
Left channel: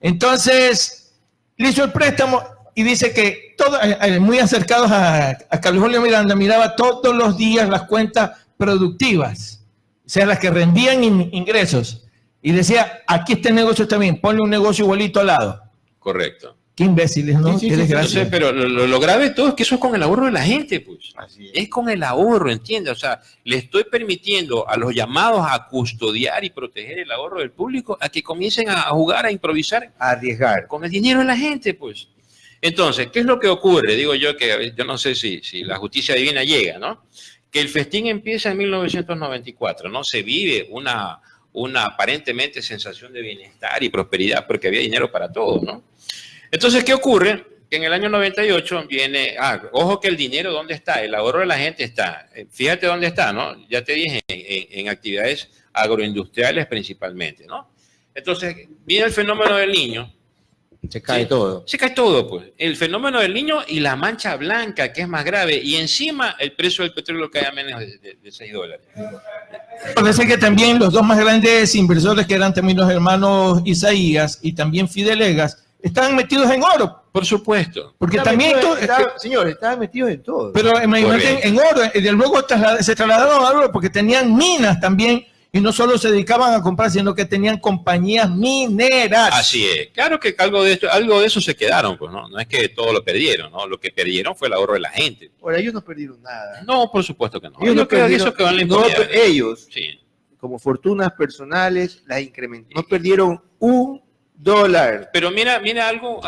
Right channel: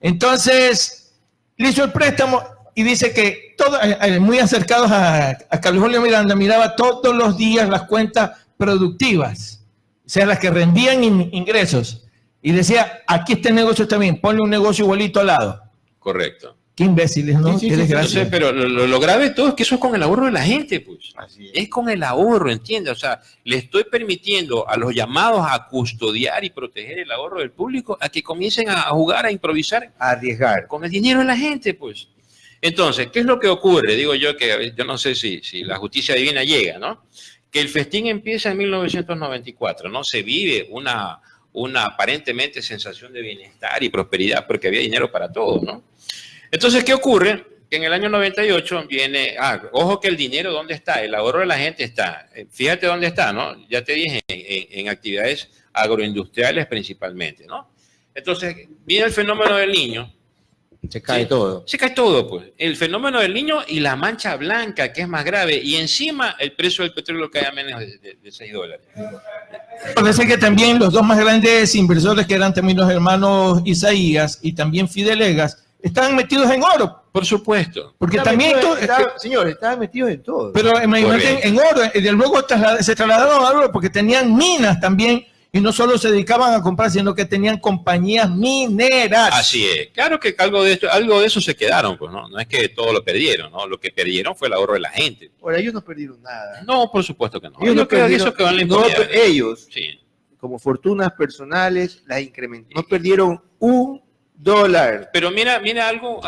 Entonces, le hizo el préstamo y dice que todos, muy acercados a Carlos Julio Miranda, miraba todos los días las cuentas productivas, o sea, las que rendían ingresos. Y decía, aquí este negocio también, ponle un negocio igualito al lado. Correcto. Qué imbéciles, ¿no? Sí, Qué desgracia. Entonces, pero lo grave de todo es que eso es con el ahorro de la gente, pues. Así Es con el ahorro, ¿entiendes? O sea, le estoy permitiendo a los llamados a custodiar y proteger el ahorro del público a que comiencen a jugar, a improvisar Arriesgar. con el dinero de la gente, pues. Entonces, ¿qué es lo que ocurre? Digo yo que yo no sé si la justicia divina llega, ¿no? Que el festín empieza en 1994, ¿no? Se vive una aparentemente sensación de bienestar y prosperidad porque había dinero para todo, ¿no? Entonces, ¿qué ocurre? Que en el año 98 viene, ojo que el dinero, ¿dónde está? El ahorro de la gente está. Fíjate dónde está, ¿no? Ya te dije, en actividades agroindustriales principalmente, ¿no? Entonces, viene el fenómeno del niño. Se cae todo. Se cae todo, pues. El fenómeno del niño y la mancha blanca, que es más grave. Y encima, el precio del petróleo cae a menos de $6. Parece que también los dos más grandes inversores, que eran también los hermanos Isaías y también Fidelegas, estaban metidos en oro. Por supuesto. Porque también... Señores, estaban metidos en todo. Pero imagínate, en oro, luego se trasladaron a oro porque tenían minas también, y no solo se dedicaban a comprar, sino que tenían compañías mineras. Así es. Claro que algo de eso se quedaron, pues, ¿no? No es que todo lo perdieron, ¿no? Lo que perdieron fue el ahorro de la gente. Ahora, ellos no perdieron nada. No, por supuesto que no. Ellos no perdieron, eso que van a ellos, sí. como fortunas personales, las incrementaron. No perdieron $1. Pero mira algo,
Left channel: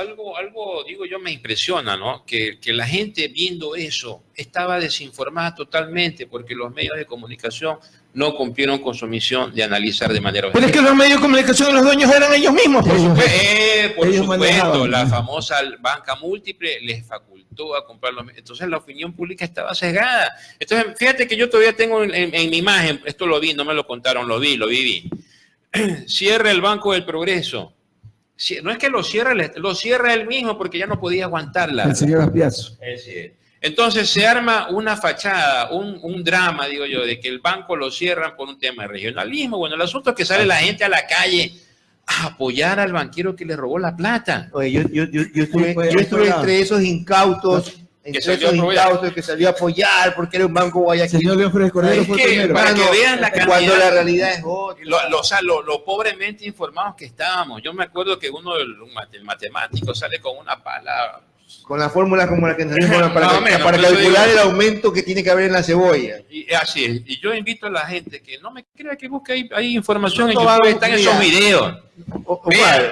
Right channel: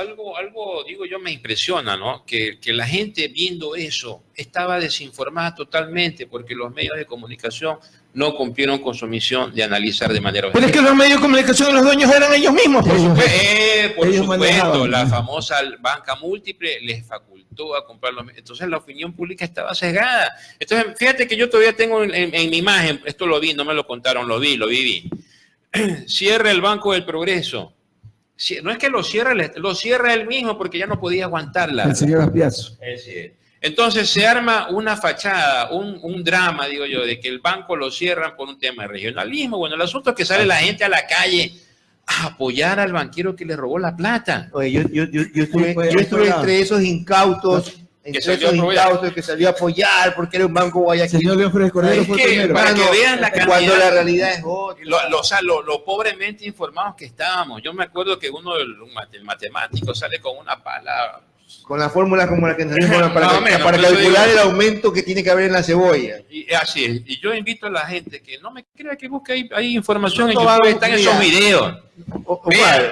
digo yo, me impresiona, ¿no? Que la gente viendo eso estaba desinformada totalmente porque los medios de comunicación no cumplieron con su misión de analizar de manera Pero es que los medios de comunicación, los dueños eran ellos mismos. por Ellos supuesto, manejaban. la famosa banca múltiple les facultó a comprar los medios. Entonces la opinión pública estaba sesgada. Entonces, fíjate que yo todavía tengo en mi imagen, esto lo vi, no me lo contaron, lo viví. Cierra el Banco del Progreso. No es que lo cierra él mismo porque ya no podía aguantarla. El señor Aspiazo. Entonces se arma una fachada, un drama, digo yo, de que el banco lo cierran por un tema de regionalismo. Bueno, el asunto es que sale la gente a la calle a apoyar al banquero que le robó la plata. Oye, yo estuve entre esos incautos. Entre esos incautos que salió a apoyar porque era un banco Guayaquil. Señor León Flores Cordero fue primero. Para que vean la cantidad. Cuando la realidad es otra. Lo pobremente informados que estábamos. Yo me acuerdo que el matemático sale con una palabra. Con la fórmula como la que nos dimos para menos, calcular el aumento que tiene que haber en la cebolla. Y así es. Y yo invito a la gente que no me crea que busque ahí información en No YouTube. van, Están esos videos.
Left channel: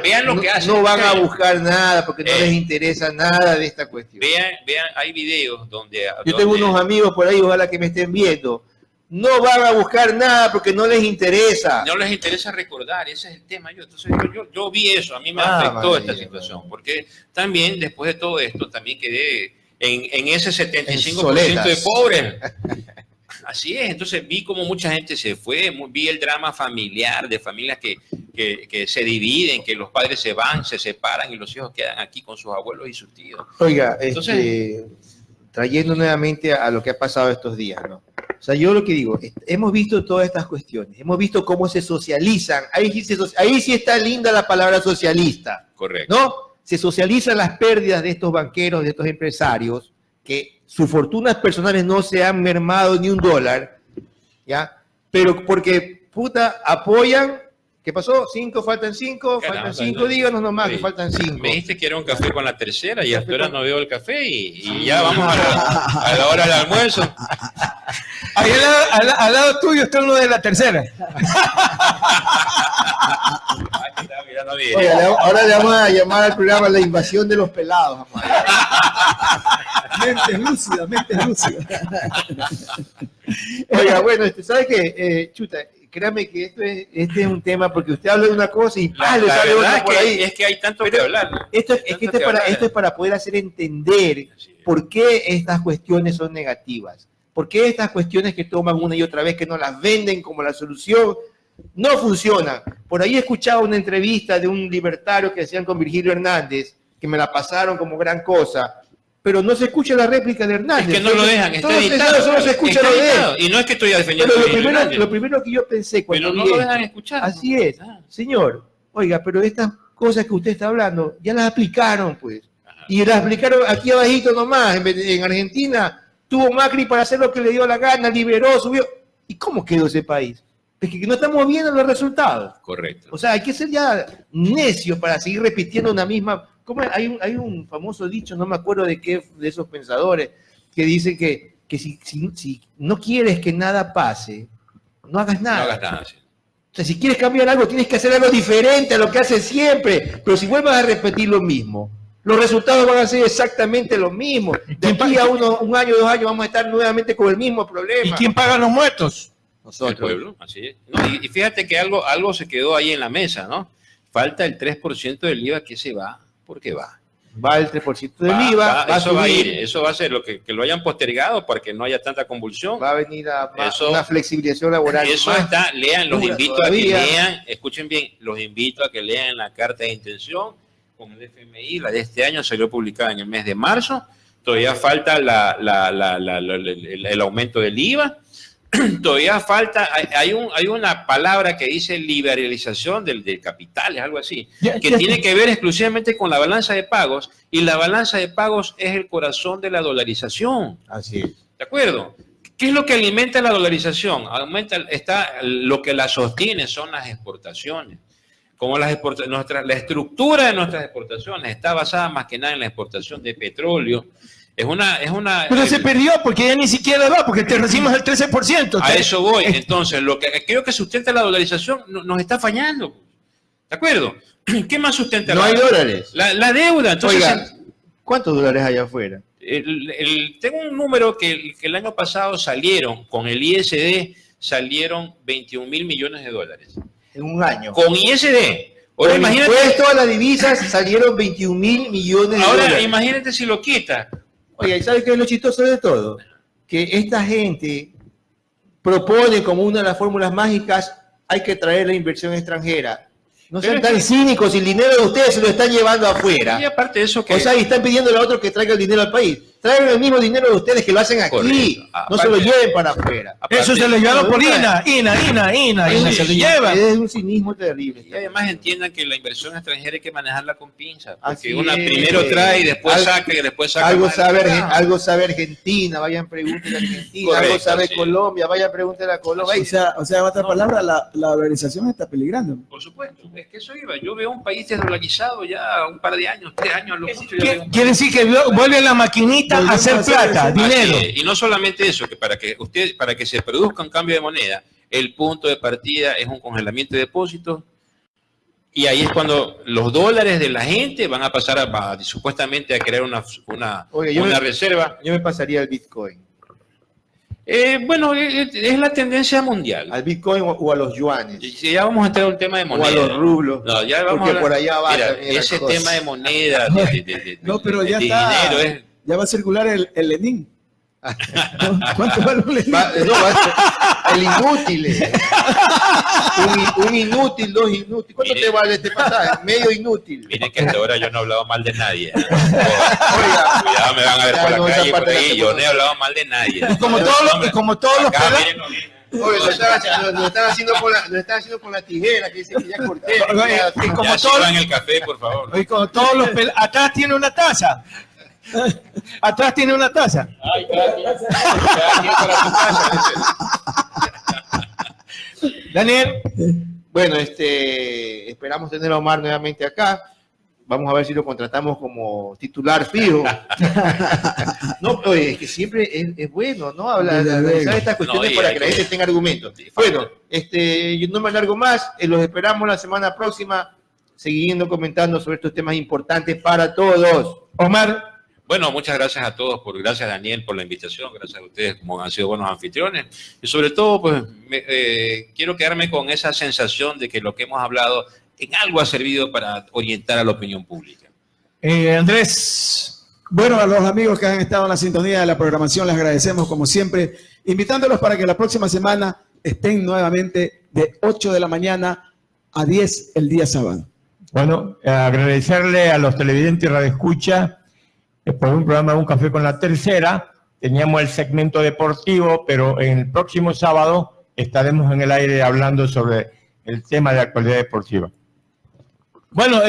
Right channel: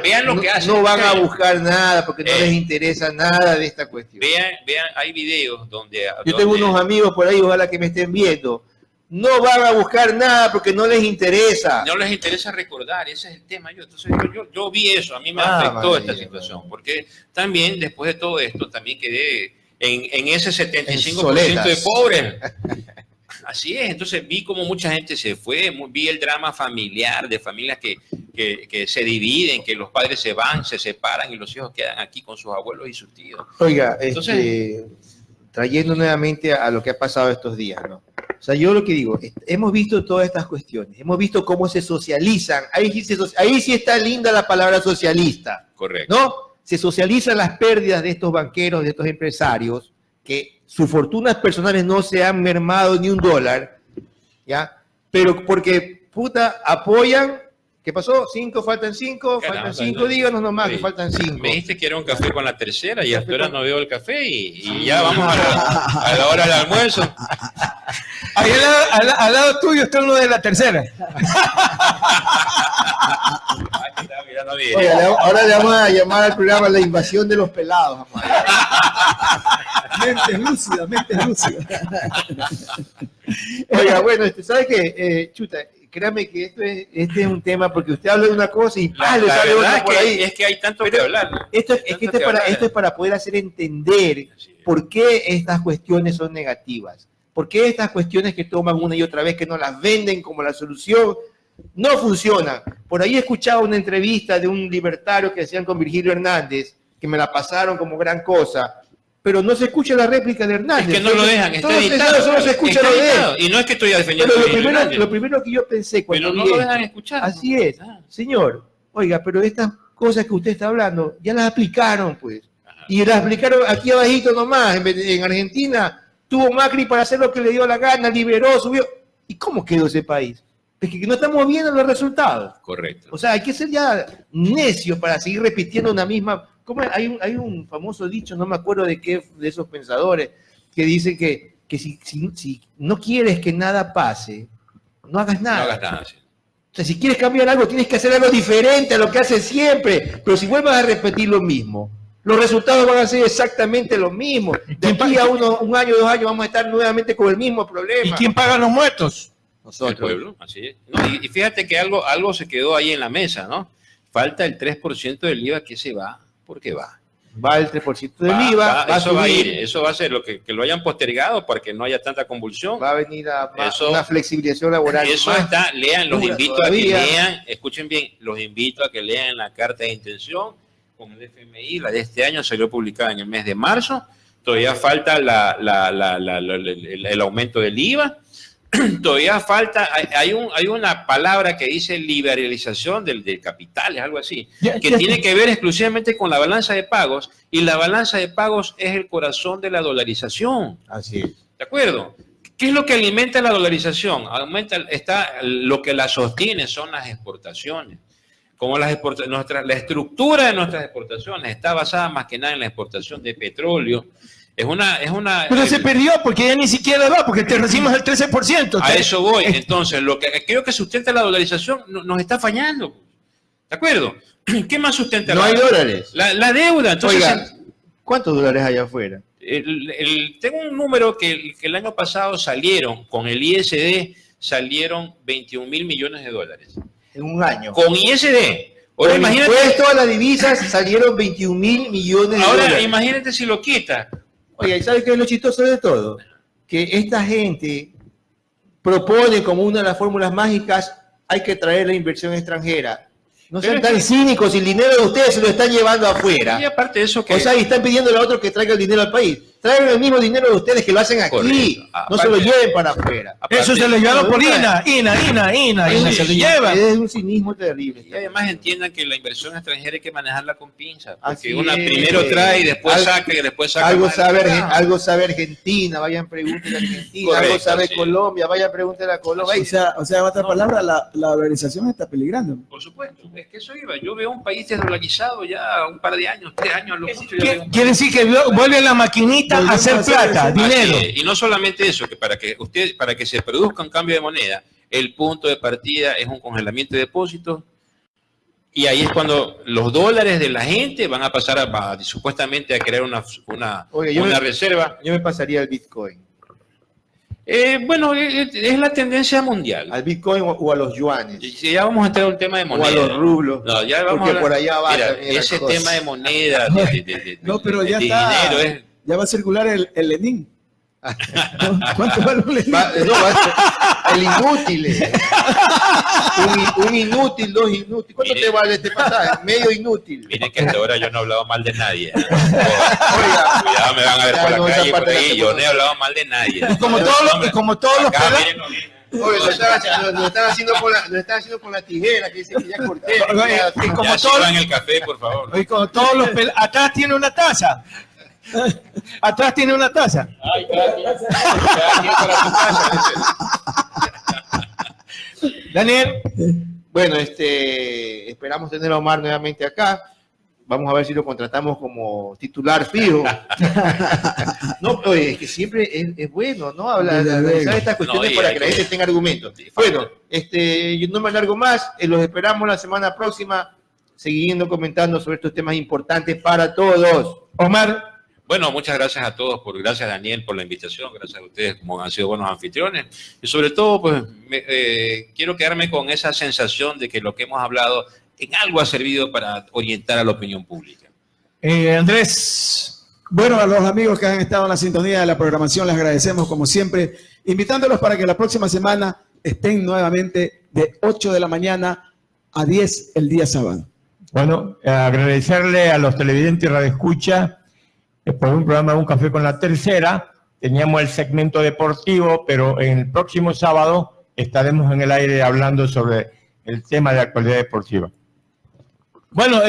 Vean lo que hacen. No van a buscar nada porque no les interesa nada de esta cuestión. Vean, hay videos donde... Yo tengo unos amigos por ahí, ojalá que me estén viendo. No van a buscar nada porque no les interesa. No les interesa recordar, ese es el tema. Entonces yo vi eso, a mí me afectó esta situación, porque también después de todo esto, también quedé en ese 75% de pobres. Así es, entonces vi como mucha gente se fue, vi el drama familiar de familias que se dividen, que los padres se van, se separan y los hijos quedan aquí con sus abuelos y sus tíos. Oiga, Entonces, trayendo nuevamente a lo que ha pasado estos días, ¿no? O sea, yo lo que digo, hemos visto todas estas cuestiones, hemos visto cómo se socializan, ahí sí está linda la palabra socialista. Correcto. ¿No? Se socializan las pérdidas de estos banqueros, de estos empresarios, que sus fortunas personales no se han mermado ni $1, ¿ya? Pero porque, apoyan. ¿Qué pasó? Faltan 5, díganos nomás que faltan 5. Me dijiste que era un café con la tercera y hasta ahora no veo el café y ya vamos a la hora del almuerzo. Ahí al lado tuyo está uno de la tercera. ya no viene. Oiga, ahora le vamos a llamar al programa La Invasión de los Pelados. Mente lúcida, mente lúcida. Oiga, bueno, ¿sabe qué? Chuta, créame que este es un tema porque usted habla de una cosa y La le sale verdad otra por ahí. es que hay tanto que hablar, ¿no? Esto es para poder hacer entender por qué estas cuestiones son negativas. ¿Por qué estas cuestiones que toman una y otra vez, que nos las venden como la solución, no funcionan? Por ahí he escuchado una entrevista de un libertario que hacían con Virgilio Hernández, que me la pasaron como gran cosa, pero no se escucha la réplica de Hernández. Es que no lo dejan, está editado. Solo se escucha Está lo de él. editado. Y no es que estoy defendiendo Pero lo primero que yo pensé cuando pero no vi lo esto, dejan escuchar. así es, señor, oiga, pero estas cosas que usted está hablando, ya las aplicaron, pues. Y las aplicaron aquí abajito nomás, en Argentina. Tuvo Macri para hacer lo que le dio la gana, liberó, subió. ¿Y cómo quedó ese país? Es que no estamos viendo los resultados. Correcto. O sea, hay que ser ya necio para seguir repitiendo una misma... ¿Cómo? Hay un famoso dicho, no me acuerdo de qué, de esos pensadores, que dicen que si no quieres que nada pase, no hagas nada. No hagas nada, sí. O sea, si quieres cambiar algo, tienes que hacer algo diferente a lo que haces siempre. Pero si vuelvas a repetir lo mismo, los resultados van a ser exactamente los mismos. De aquí a un año, 2 años, vamos a estar nuevamente con el mismo problema. ¿Y quién paga los muertos? El pueblo, así es. No, y fíjate que algo se quedó ahí en la mesa, ¿no? Falta el 3% del IVA que se va, porque va. Va el 3% del IVA, va a eso va a subir, ir, eso va a ser lo que lo hayan postergado para que no haya tanta convulsión. va a venir una flexibilización laboral. Eso más está, lean, los dura invito todavía. a que lean, escuchen bien, los invito a que lean la carta de intención con el FMI, la de este año salió publicada en el mes de marzo, todavía falta el aumento del IVA, todavía falta, hay una palabra que dice liberalización del capital, es algo así, que tiene que ver exclusivamente con la balanza de pagos, y la balanza de pagos es el corazón de la dolarización. Así es. ¿De acuerdo? ¿Qué es lo que alimenta la dolarización? Lo que la sostiene son las exportaciones. Como la estructura de nuestras exportaciones está basada más que nada en la exportación de petróleo. Pero se perdió porque ya ni siquiera va, porque te recibimos el 13%. A eso voy. Entonces, lo que creo que sustenta la dolarización nos está fallando. ¿De acuerdo? ¿Qué más sustenta? No hay dólares. La deuda. Entonces, Oiga, ¿cuántos dólares hay afuera? tengo un número que el año pasado salieron, con el ISD, salieron 21 mil millones de dólares. En un año. Con ISD. Ahora Con imagínate. impuesto a las divisas salieron 21 mil millones de Ahora dólares. imagínate si lo quita. Oiga, ¿y sabe qué es lo chistoso de todo? Que esta gente propone como una de las fórmulas mágicas, hay que traer la inversión extranjera. No sean tan cínicos, y el dinero de ustedes se lo están llevando afuera. Y aparte de eso que... O sea, y están pidiendo a otro que traiga el dinero al país. Traigan el mismo dinero de ustedes que lo hacen aquí. Correcto. No se lo lleven para afuera. Eso se lo llevaron por INA, se lo llevan. Es un cinismo terrible. Y además entiendan que la inversión extranjera hay que manejarla con pinza. Así Porque una es. primero trae y después saca y después saca. Algo sabe Argentina, vayan pregúntenle a Argentina. Correcto, algo sabe sí. Colombia, vayan pregúntenle a Colombia. O sea, en otras palabras, la dolarización está peligrando. Por supuesto, es que eso iba. Yo veo un país desdolarizado ya un par de años, 3 años a lo mucho. Ya veo. Quiere decir que vuelve la maquinita a hacer plata, dinero. Así es. Y no solamente eso, que para que se produzca un cambio de moneda, el punto de partida es un congelamiento de depósitos, y ahí es cuando los dólares de la gente van a pasar supuestamente a crear una reserva. Yo me pasaría al Bitcoin. Bueno, es la tendencia mundial. Al Bitcoin o a los yuanes. Y ya vamos a entrar a un tema de O moneda. a los rublos. No, ya vamos porque a por allá va mira, también la ese cosa. tema de moneda, No, pero ya de está. dinero es... Ya va a circular el Lenin. ¿Cuánto vale un Lenin? El inútil. Un inútil, 2 inútiles. ¿Cuánto Mire. te vale este pasaje? Medio inútil. Miren que hasta ahora yo no he hablado mal de nadie. Cuidado, me van a ver por la calle por ahí. Yo no he hablado mal de nadie. Como todos los Acá, pelados. miren, no vienen. Oye, lo están haciendo con la tijera, que dice que ya corté. Y como Ya todos- sirvan el café, por favor. Y como todos los atrás tiene una taza. Atrás tiene una taza. Ay, gracias. Gracias para tu casa. Daniel, Bueno, esperamos tener a Omar nuevamente acá. Vamos a ver si lo contratamos como titular fijo. No, oye, es que siempre es bueno, ¿no? Hablar de estas cuestiones No, y para hay que la que- gente tenga argumentos. Sí, Bueno, yo no me alargo más. Los esperamos la semana próxima. siguiendo comentando sobre estos temas importantes para todos. Omar. Bueno, muchas gracias a todos, gracias Daniel por la invitación, gracias a ustedes como han sido buenos anfitriones y sobre todo pues quiero quedarme con esa sensación de que lo que hemos hablado en algo ha servido para orientar a la opinión pública. Andrés. Bueno, a los amigos que han estado en la sintonía de la programación les agradecemos como siempre, invitándolos para que la próxima semana estén nuevamente de 8 de la mañana a 10 el día sábado. Bueno, agradecerle a los televidentes y radioescucha por un programa Un Café con la Tercera. Teníamos el segmento deportivo, pero en el próximo sábado estaremos en el aire hablando sobre el tema de actualidad deportiva. Bueno,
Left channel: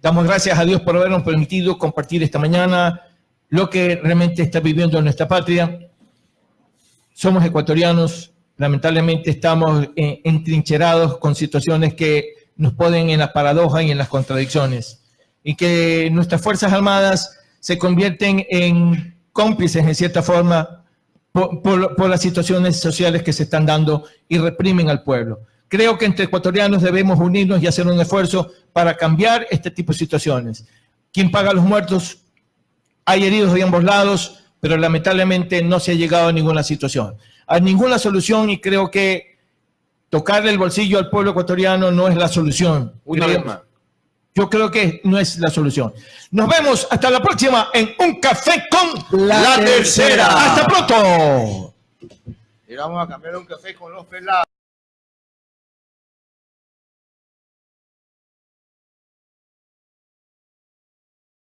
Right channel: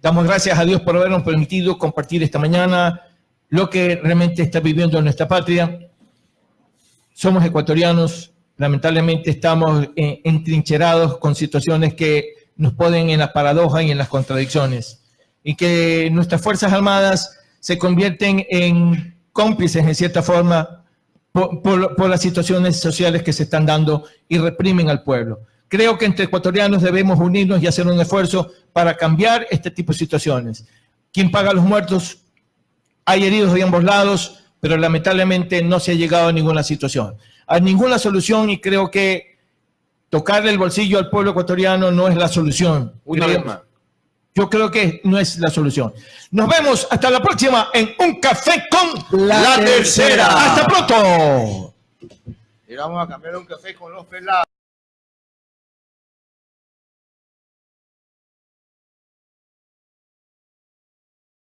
damos gracias a Dios por habernos permitido compartir esta mañana lo que realmente está viviendo en nuestra patria. Somos ecuatorianos, lamentablemente estamos entrincherados con situaciones que nos ponen en las paradojas y en las contradicciones, y que nuestras Fuerzas Armadas se convierten en cómplices, en cierta forma, por las situaciones sociales que se están dando y reprimen al pueblo. Creo que entre ecuatorianos debemos unirnos y hacer un esfuerzo para cambiar este tipo de situaciones. ¿Quién paga los muertos? Hay heridos de ambos lados, pero lamentablemente no se ha llegado a ninguna situación, a ninguna solución, y creo que tocarle el bolsillo al pueblo ecuatoriano no es la solución. Una vez más. Yo creo que no es la solución. Nos vemos hasta la próxima en Un Café con la Tercera. ¡Hasta pronto! Y vamos a cambiar un café con los pelados.